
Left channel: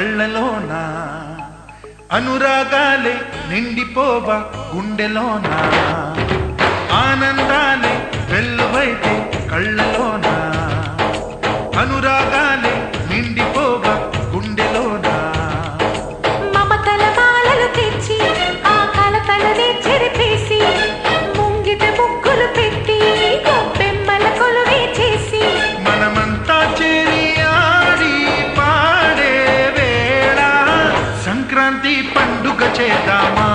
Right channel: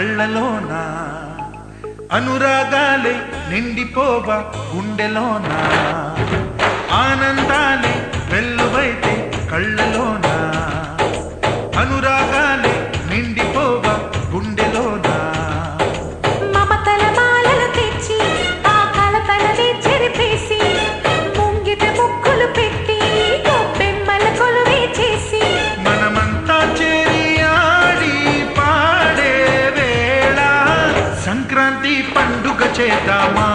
కళ్ళలోన అనురాగాలే నిండిపోవా గుండెలోన ఆనందాలే వెల్లువైతే కళ్ళలోన అనురాగాలే నిండిపోవా గుండెలోన మమతల మాలలు తెచ్చి ఆ కలపలని చెరిపేసి ముంగిట ముగ్గులు పెట్టి గొబ్బెమ్మల కొలువే చేసి మనమంతా చేరి ఆడి పాడే వేళ సంక్రాంతి పండుగ చేద్దామా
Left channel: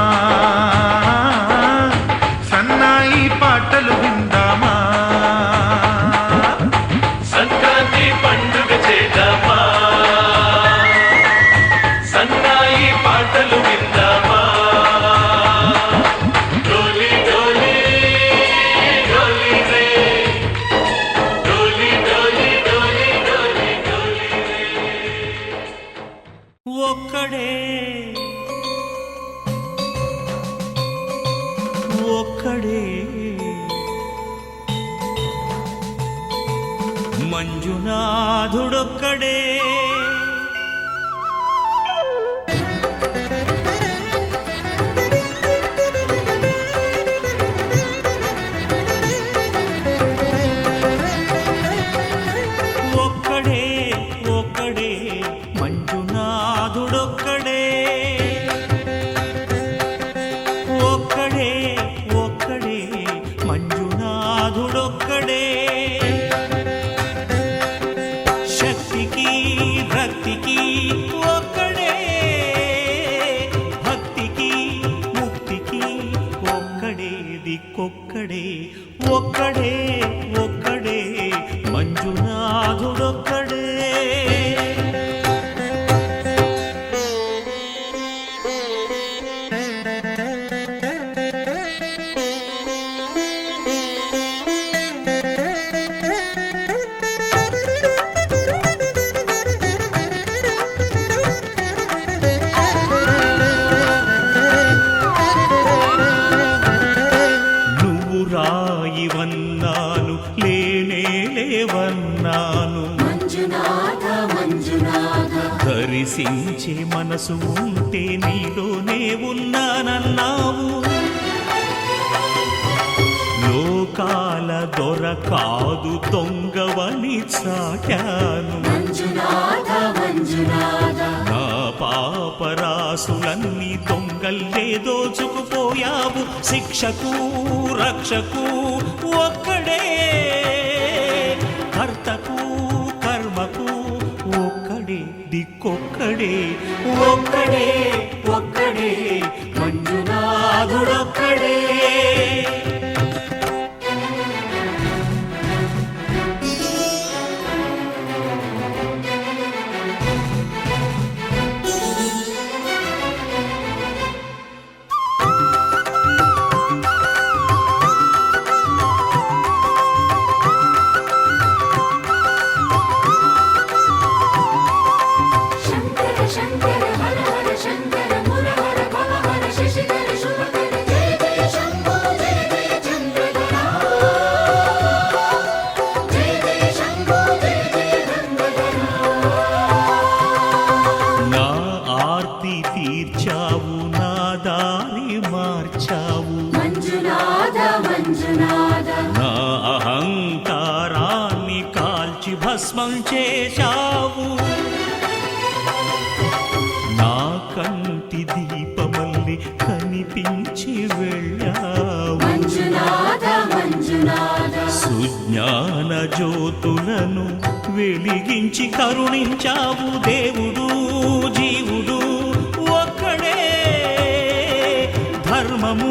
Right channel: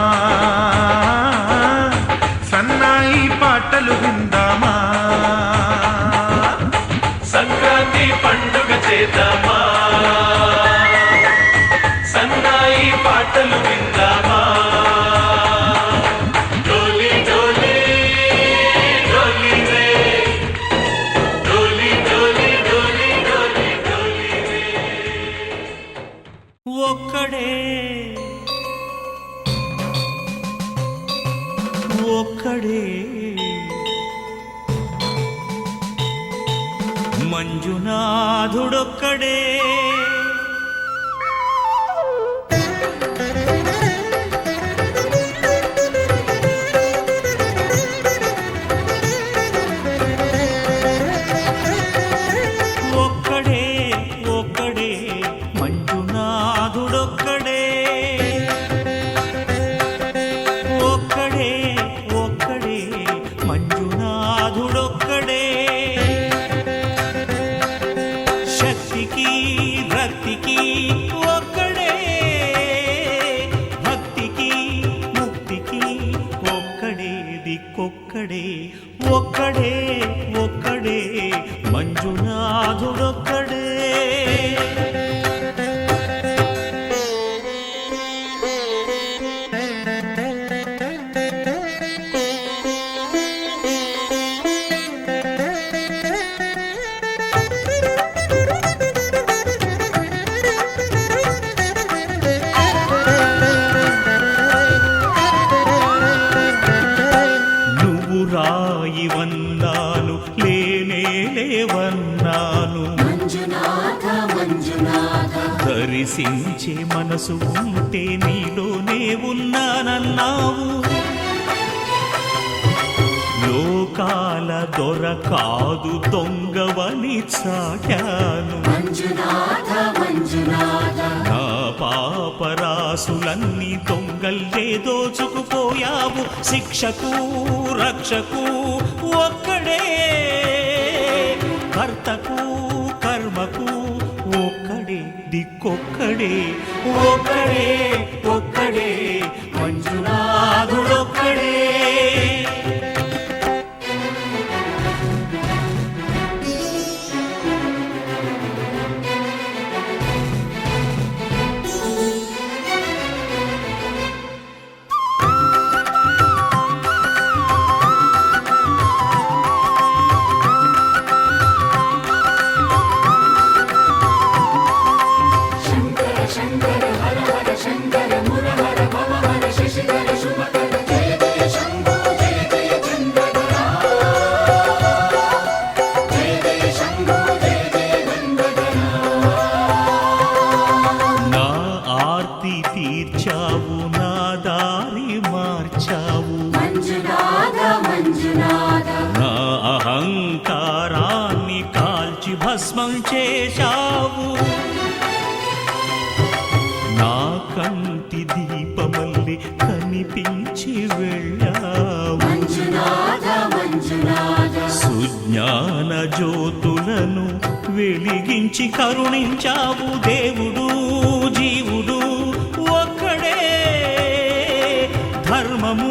సన్నాయి పాటలు విందామా సంక్రాంతి పండుగ చేద్దామా సన్నాయి పాటలు విందామా డోలి డోలి డోలి రే డోలి డోలి డోలి డోలి డోలి రే ఒక్కడే ఒక్కడే మంజునాథుడొక్కడే ఒక్కడే ఒక్కడే మంజునాథుడొక్కడే ఒక్కడే ఒక్కడే మంజునాథుడొక్కడే శక్తికి రక్తికి ఒక్కడే భక్తికి ముక్తికి ఒక్కడే దిక్కొక్కడే ఒక్కడే ఒక్కడే మంజునాథుడొక్కడే నువ్వు రాయివన్నాను లేనే లేవన్నాను దరిసించే మనసు ఉంటే నీలోనే ఉన్నానన్నావు లోకాల దొర కాదు దొంగవని చాటాను నా పాపరాసులన్నీ దొంగల్లే దోచుకుపోయావు శిక్షకు రక్షకు ఒక్కడే కర్తకు కర్మకు ఒక్కడే దిక్కొక్కడే ఒక్కడే ఒక్కడే మంజునాథుడొక్కడే తీర్చావు నా దారి మార్చావు నా అహంకారాన్ని కాల్చి భస్మం చేశావు నా కంటి దీపమల్లి కనిపించి వెళ్ళావు సుజ్ఞాన జ్యోతులను వెలిగించి కరుణించావు దేవుడు జీవుడు ఒక్కడే ధర్మము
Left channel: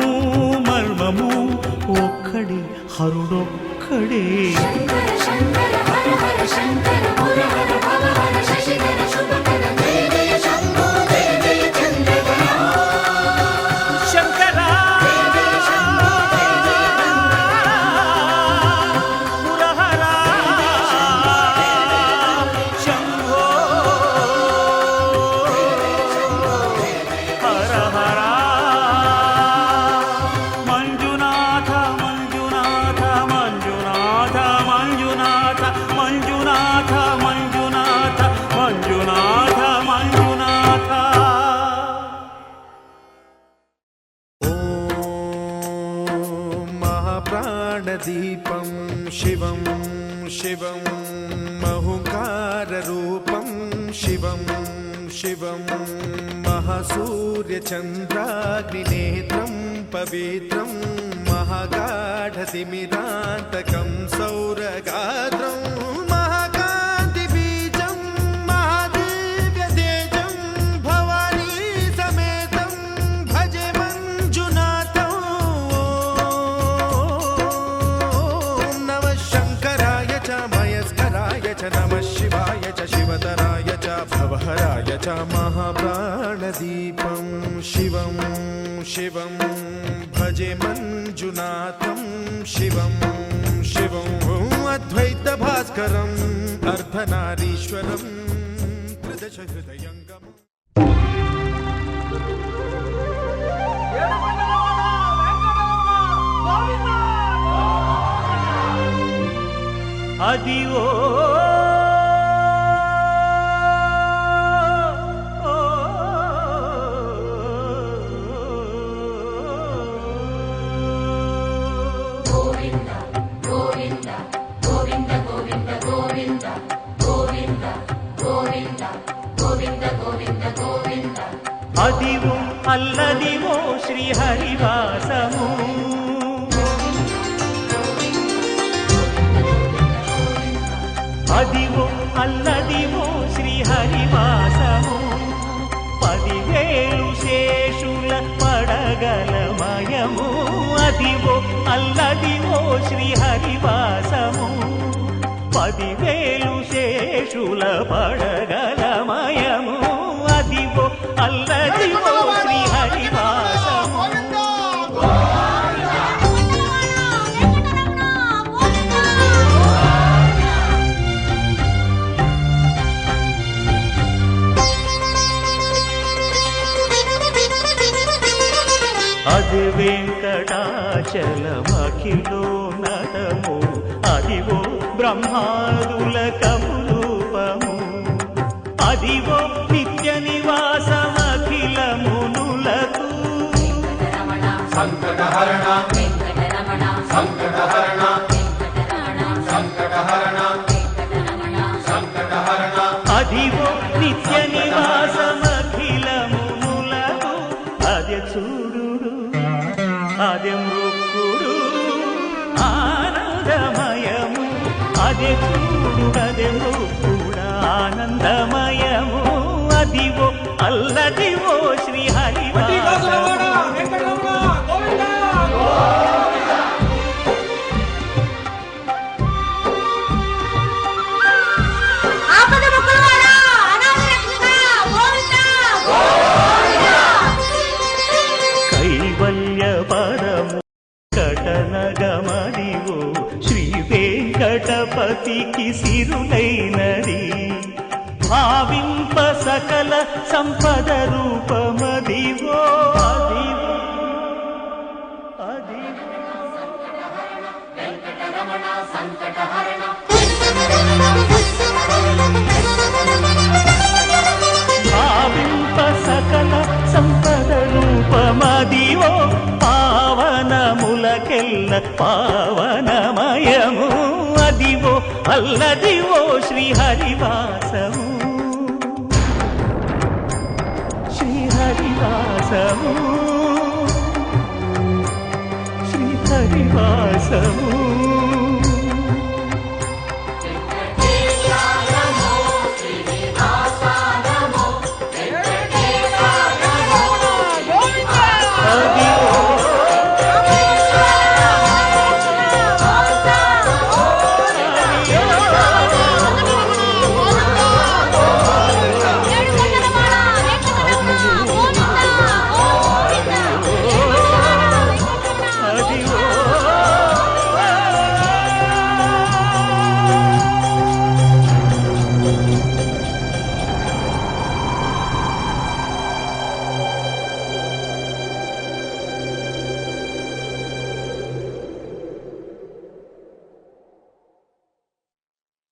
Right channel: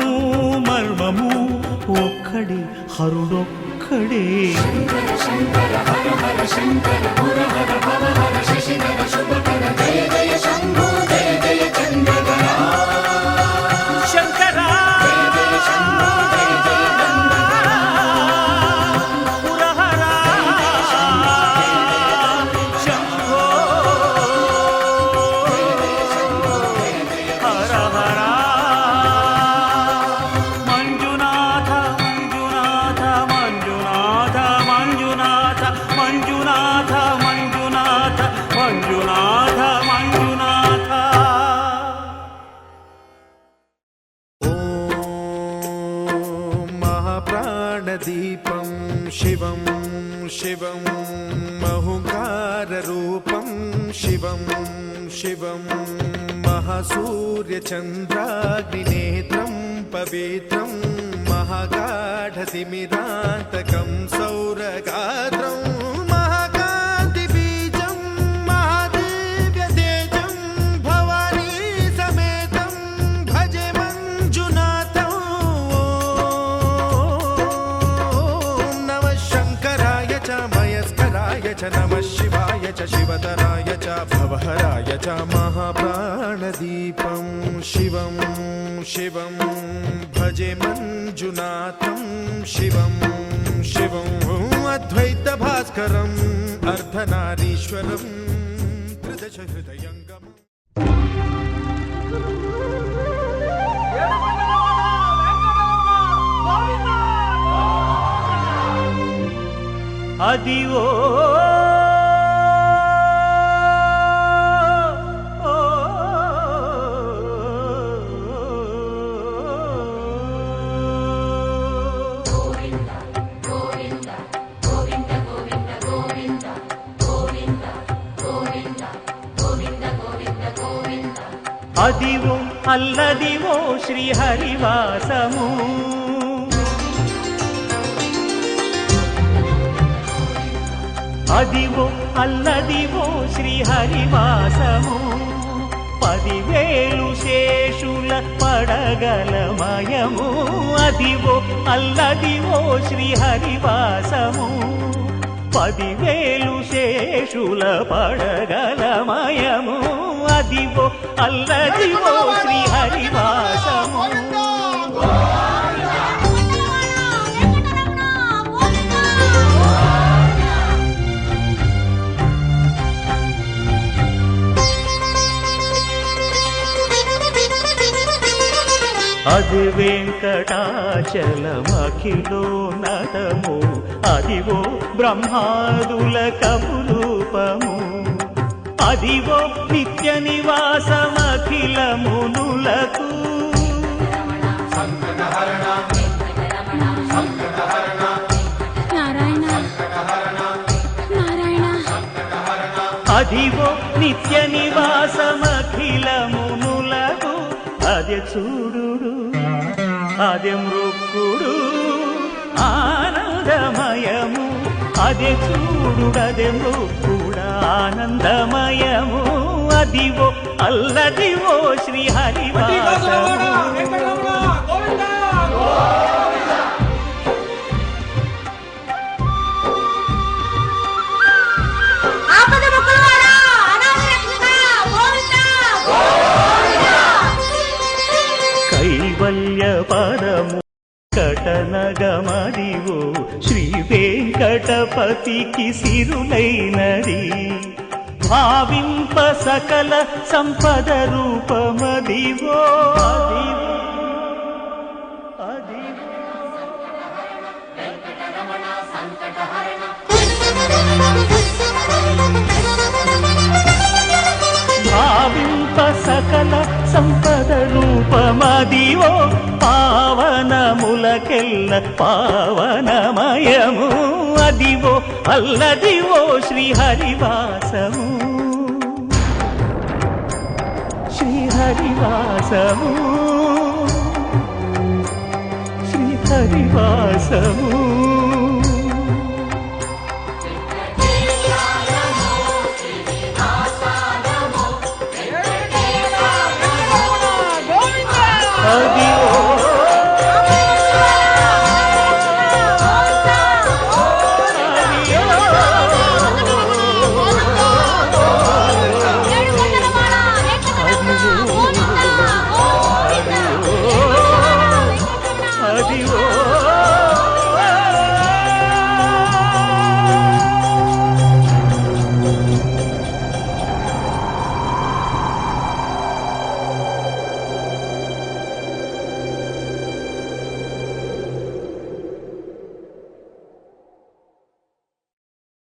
మర్మము ఒక్కడే హరుడొక్కడే శంకరా పురహరా శంభో హర హర మంజునాథ మంజునాథ మంజునాథ మంజునాథ మంజునాథ మంజునాథ మంజునాథ ప్రాణదీపం శివం శివం మహుంకారరూపం శివం శివం మహాసూర్యచంద్రాగ్నినేత్రం పవిత్రం మహాగాఢతిమిరాంతకం సౌరగాత్రం మహాకాంతిబీజం మహాదివ్యతేజం భవానీ సమేతం భజే మంజునాథం ఓం నమః శంకరాయ చ మయస్కరాయ చ నమః శివాయ చ శివతరాయ చ భవహరాయ చ మహాప్రాణదీపం శివం శివం భజే మంజునాథం శివం శివం అద్వైత భాస్కరం అర్ధనారీశ్వరం త్రిదశ హృదయంగమం అదివో అదివో అల్లదివో శ్రీహరివాసము అదివో అల్లదివో శ్రీహరివాసము 10,000 శేషుల పడగలమయము అదివో అల్లదివో శ్రీహరివాసము 10,000 శేషుల పడగలమయము అదివో అల్లదివో శ్రీహరివాసము అది వెంకటాచలమఖిలో నటము అదివో బ్రహ్మాదుల కపురూపము అదివో నిత్య నివాసమఖిలమునులకు అదివో నిత్య నివాసమఖిలమునులకు అదే చూడు అదే మృక్కుడు ఆనందమయము అదే చూడు అదే మృక్కుడు ఆనందమయము అదివో అల్లదివో శ్రీహరివాసము కైవల్య పరము కటనగమదివో శ్రీ వెంకటపతికి సిరులైనది భావింప సకల సంపద రూపమదివో అదివో అదివో భావింప సకల సంపద రూపమదివో పావనములకెల్ల పావనమయము అదివో అల్లదివో శ్రీహరివాసము శ్రీహరివాసము శ్రీహరివాసము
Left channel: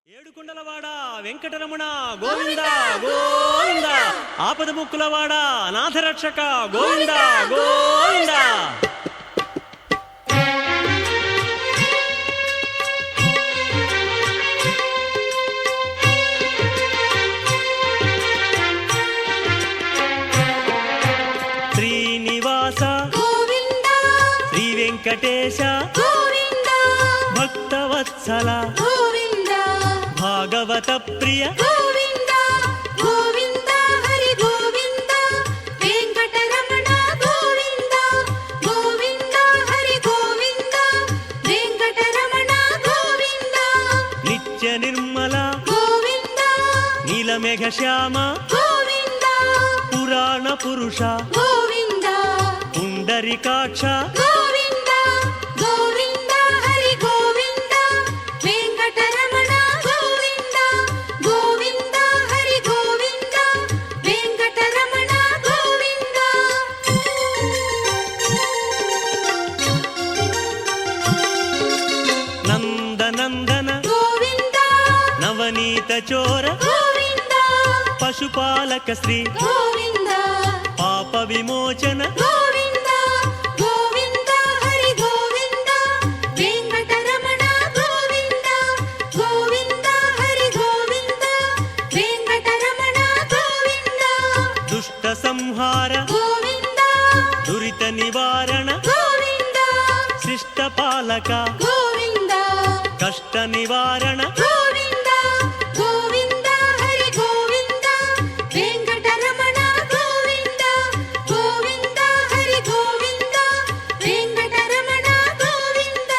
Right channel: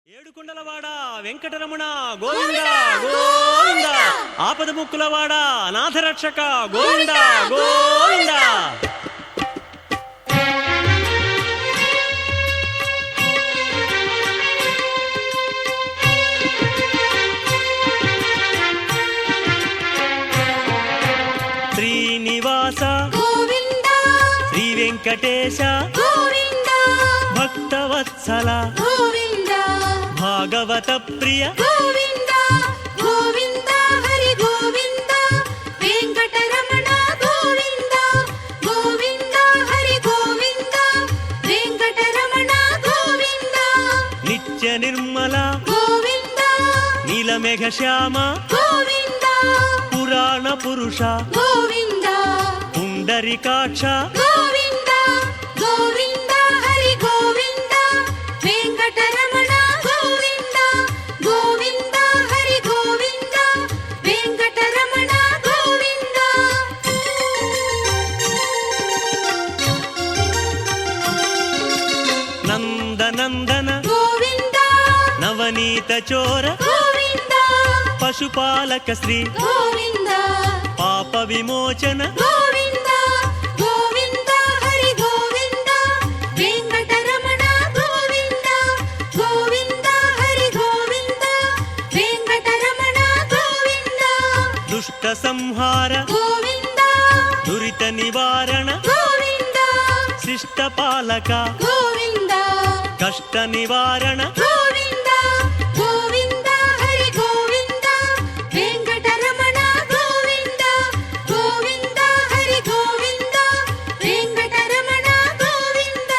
ఏడుకొండలవాడ వెంకటరమణ గోవింద గోవింద ఆపదముక్కులవాడ అనాథరక్షక గోవింద గోవింద శ్రీనివాస గోవింద శ్రీ వెంకటేశ గోవింద భక్తవత్సల గోవింద భాగవత ప్రియ గోవింద గోవింద హరి గోవింద వెంకటరమణ గోవింద గోవింద హరి గోవింద వెంకటరమణ గోవింద నిత్య నిర్మల గోవింద నీలమేఘ శ్యామ గోవింద పురాణ పురుష గోవింద పుండరికాక్ష గోవింద గోవింద హరి గోవింద వెంకటరమణ గోవింద గోవింద హరి గోవింద వెంకటరమణ గోవింద నందనందన గోవింద నవనీత చోర గోవింద పశుపాలక శ్రీ గోవింద పాప విమోచన గోవింద గోవింద హరి గోవింద వెంకటరమణ గోవింద గోవింద హరి గోవింద వెంకటరమణ గోవింద దుష్ట సంహార గోవింద దురిత నివారణ గోవింద శిష్ట పాలక గోవింద కష్ట నివారణ గోవింద గోవింద హరి గోవింద వెంకటరమణ గోవింద గోవింద హరి గోవింద వెంకటరమణ గోవింద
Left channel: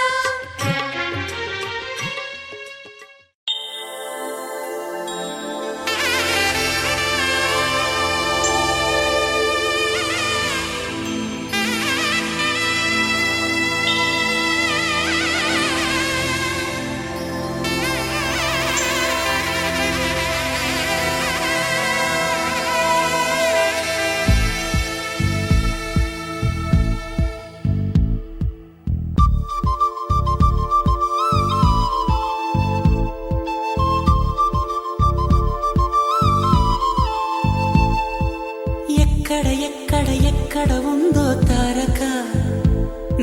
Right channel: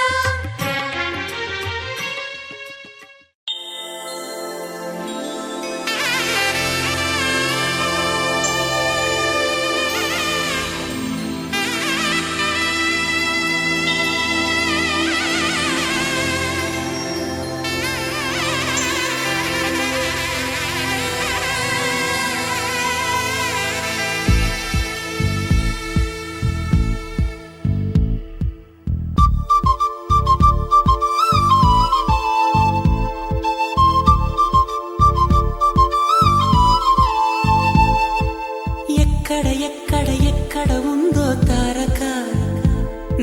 ఎక్కడ ఎక్కడ ఎక్కడ ఉందో తారక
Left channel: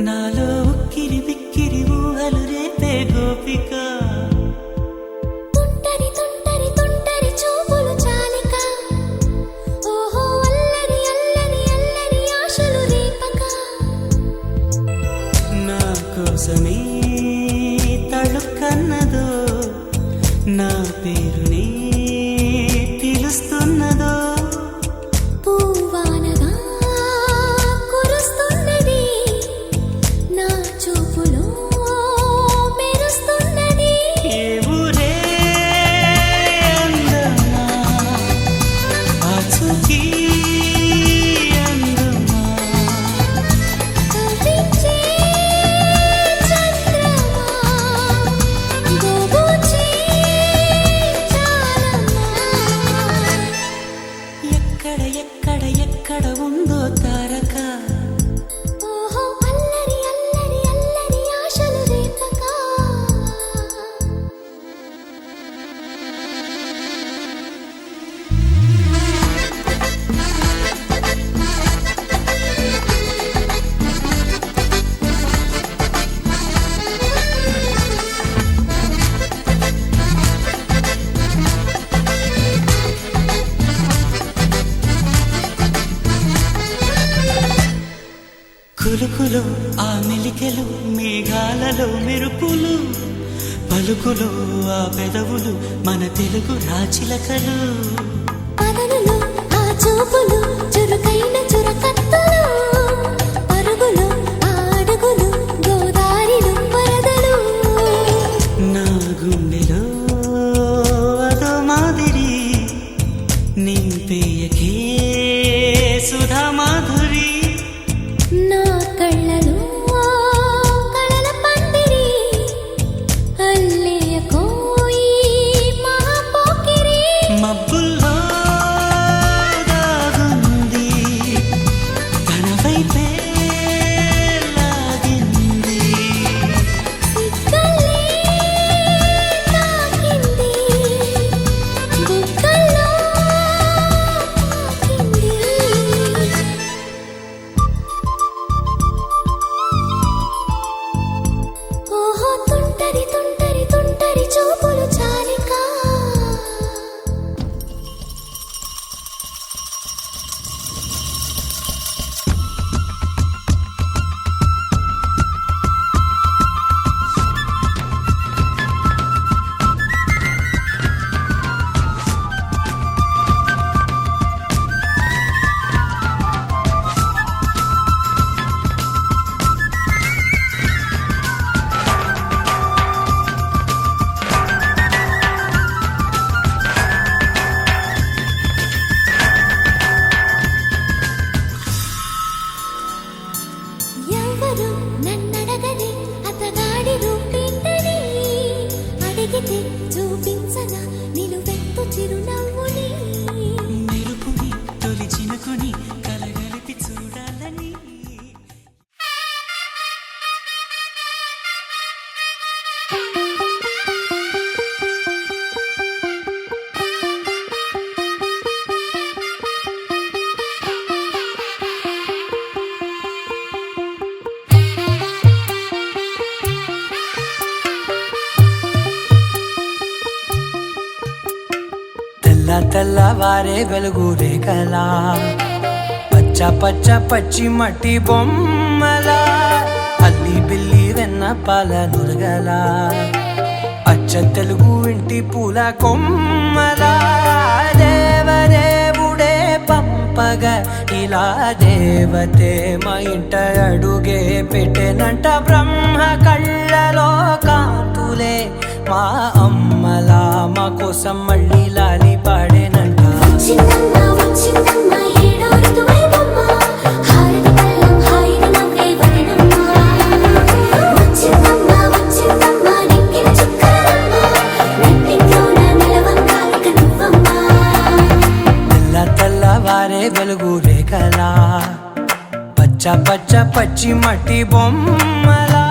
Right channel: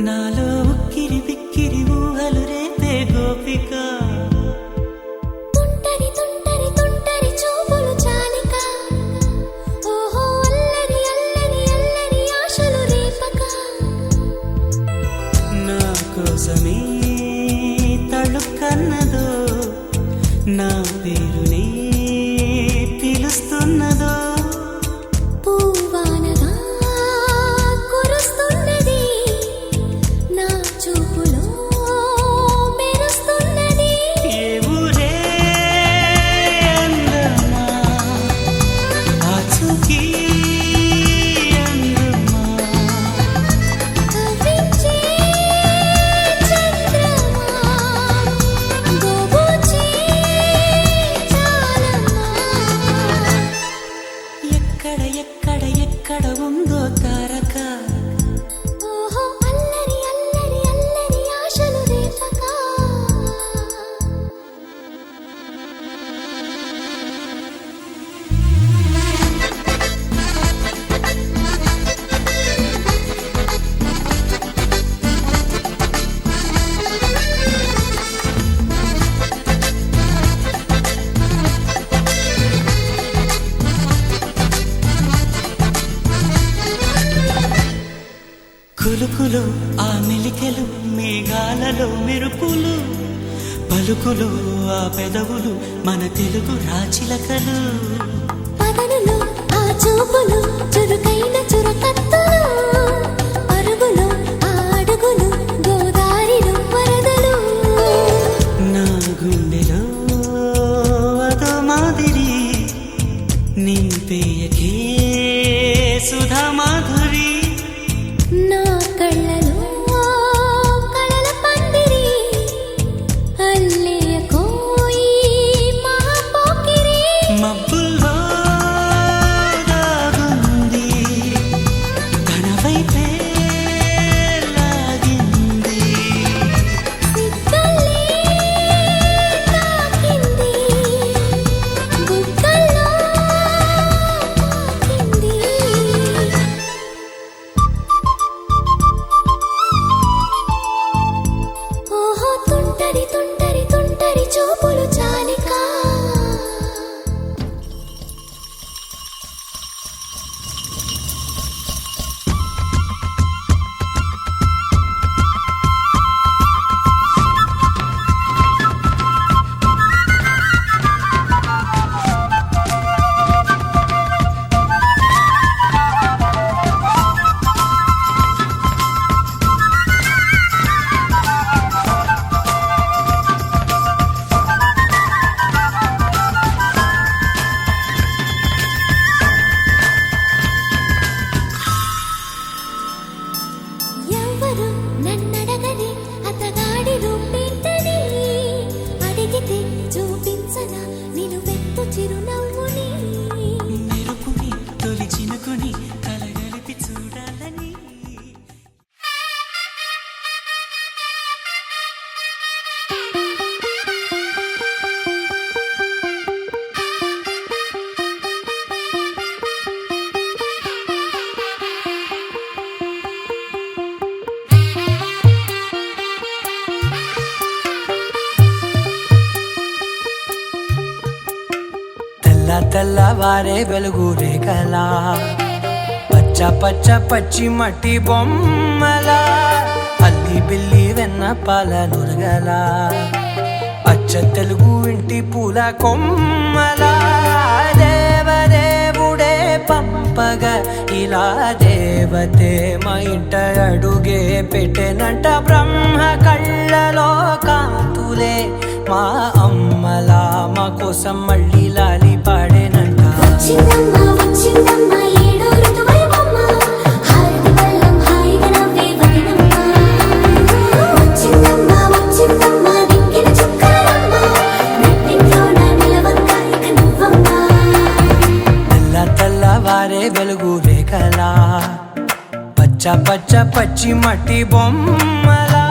నాలో ఉక్కిరి బిక్కిరి ఊహలు రేపే గోపిక తుంటరి తుంటరి తుంటరి చూపులు చాలిక ఓహో అల్లరి అల్లరి అల్లరి ఆశలు రేపక నా కోసమే తళుక్కన్నదో నా పేరునే పిలుస్తున్నదో పూవానగా కురుస్తున్నది నా చూపులో మెరుస్తున్నది ఏ ఊరే అందమా ఆచూకీ అందమా కవ్వించే చంద్రమా గోబూచే చాలమ్మా ఎక్కడ ఎక్కడ ఎక్కడ ఉందో తారక ఓహో అల్లరి అల్లరి అల్లరి ఆశలు రేపక కులుకులో ఆ మెలికెలు మేఘాలలో మెరుపులు పలుకులో ఆ పెదవులు మన తెలుగు రాచిలకలు పదనులు ఆ చూపులు చురుకైన చురకత్తులు పరుగులు ఆ అడుగులు గోదారిలు వరదలు నా గుండెలో అదో మాదిరి నింపేయకే సుధా మాధురి నా కళ్ళలో కళల పందిరి అల్లేయ కోయి మహాపోకిరి మబ్బుల్లో దాగుంది తన వైపే లాగింది సిగ్గలే తాకింది బుగ్గల్లో తాకింది ఓహో తుంటరి తుంటరి తుంటరి చూపులు చాలిక మనసున నిలువెత్తు చిరునవ్వుని మెరుపుని తొలి చినుకుని కలగలిపి చూడాలని తెల్లవారే వెలుగు రేఖలా పచ్చ పచ్చ పచ్చి మట్టి బొమ్మలా అల్లి బిల్లి వెన్న పాల నురగలా అచ్చ తెలుగు ఇంటి పూల కొమ్మలా దేవదేవుడే పంపగ ఇలా దేవతే మా ఇంట అడుగే పెట్టెనంట బ్రహ్మ కళ్ళలో కాంతులే మా అమ్మలా మా కోసం మళ్ళీ లాలి పాడేనంట వచ్చిందమ్మ వచ్చిందమ్మ ఏడో ఋతువైవమ్మ హారతి పళ్ళం హాయిగా నవ్వే వదినమ్మ వచ్చిందమ్మ వచ్చిందమ్మ నిక్కిన చుక్కలమ్మ నెట్టింట్లోన నిలవంగా ఇక నువ్వమ్మ తెల్లవారే వెలుగు రేఖలా పచ్చ పచ్చ పచ్చి మట్టి బొమ్మలా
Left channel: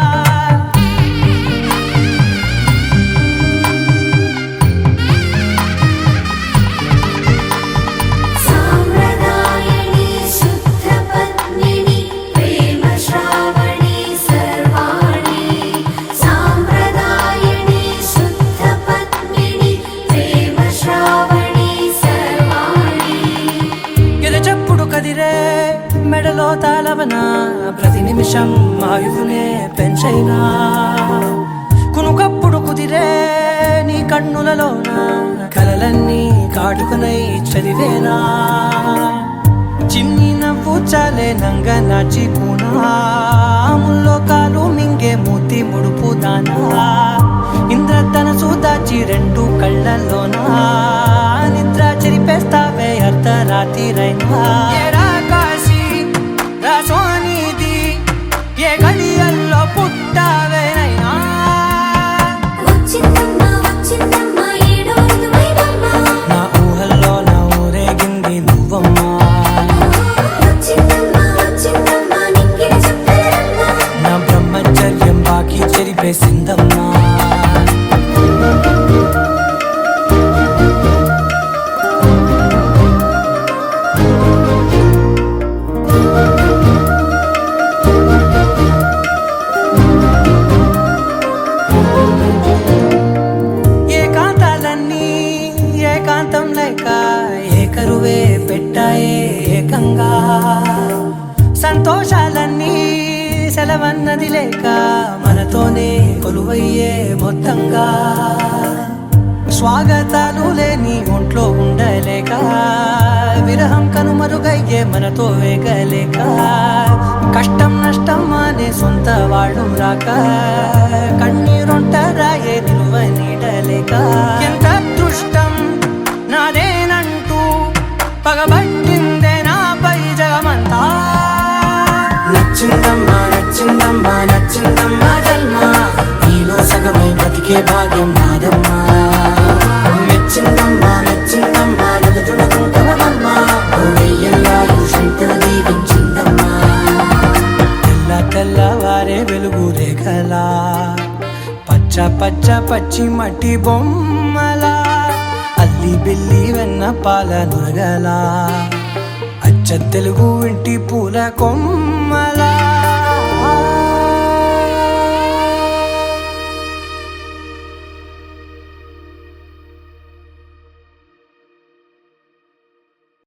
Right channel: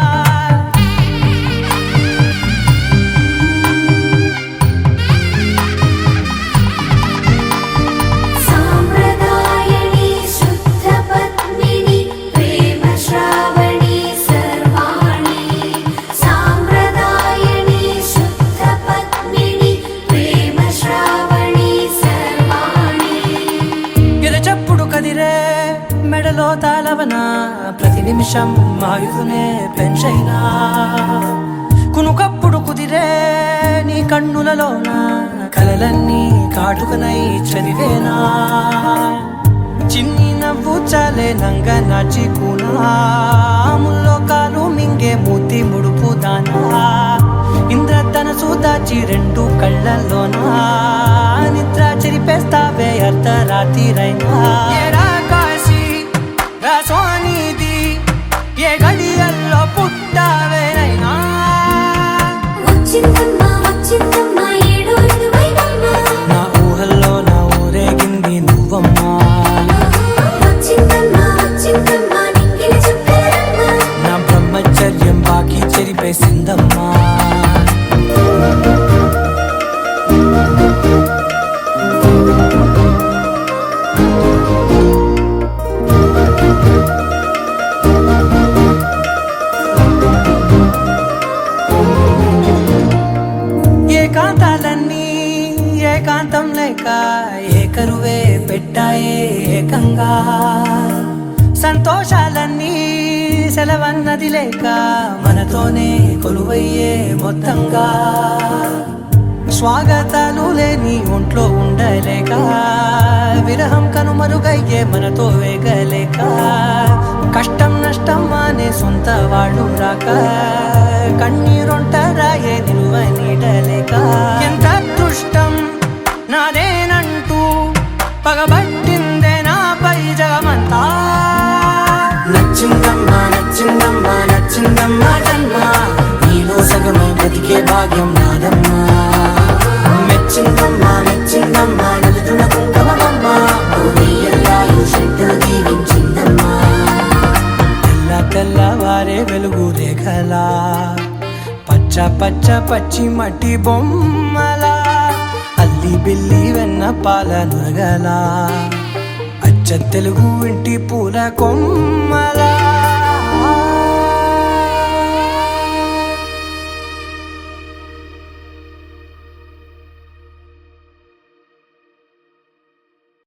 సాంప్రదాయని శుద్ధ పద్మిని ప్రేమ శ్రావణి సర్వాణి సాంప్రదాయని శుద్ధ పద్మిని ప్రేమ శ్రావణి సర్వాణి ఎరచప్పుడు కదిరే మెడలో తాళవన ప్రతి నిమిషం ఆయువునే పెంచైనా కునుకప్పుడు కుదిరే నీ కన్నులలోన కలలన్నీ కాటుకనై చదివేనా చిన్ని నవ్వు చాలే నంగ నాచి కూనాముల్లో కాలు మింగే మూతి ముడుపు దానా ఇంద్రధనసు దాచి రెండు కళ్ళల్లోనా నిద్ర చెరిపేస్తావే అర్ధరాత్రిరైనా ఏరా కాశీ రాసోనిది ఏ గడియల్లో పుట్టావేనైనా వచ్చిందమ్మ వచ్చిందమ్మ ఏడో ఋతువైవమ్మ నా ఊహల్లో నా ఊరేగింది నువ్వమ్మా వచ్చిందమ్మ వచ్చిందమ్మ నిక్కిన చుక్కలమ్మ నా బ్రహ్మచర్యం బాకీ చెరిపేసిందమ్మా ఏకాంతాలన్నీ ఏకాంతం లేక ఏకరువే పెట్టాయే ఏకంగా సంతోషాలన్నీ సెలవన్నది లేక మనతోనే కొలువయ్యే మొత్తంగా స్వాగతాలు లేని ఒంట్లో ఉండలేక విరహం కనుమరుగయ్యే మనతో వేగలేక కష్టం నష్టం అనే సొంత వాడు రాక కన్నీరొంటరాయే నిలువ నీడలేక ఎంత అదృష్టం నాదేనంటూ పగబట్టిందే నాపై జగమంతా నచ్చిందమ్మా నచ్చిందమ్మా నచ్చిందమ్మా జన్మ నీలో సగమై బ్రతికే భాగ్యం నాదమ్మా మెచ్చిందమ్మా మెచ్చిందమ్మా నిలుతున్న కుంకుమమ్మా వెయ్యల్లాలు శంకరు దీవించిందమ్మా తెల్లవారే వెలుగు రేఖలా పచ్చ పచ్చ పచ్చి మట్టి బొమ్మలా అల్లి బిల్లి వెన్న పాల నురగలా అచ్చ తెలుగు ఇంటి పూల కొమ్మలా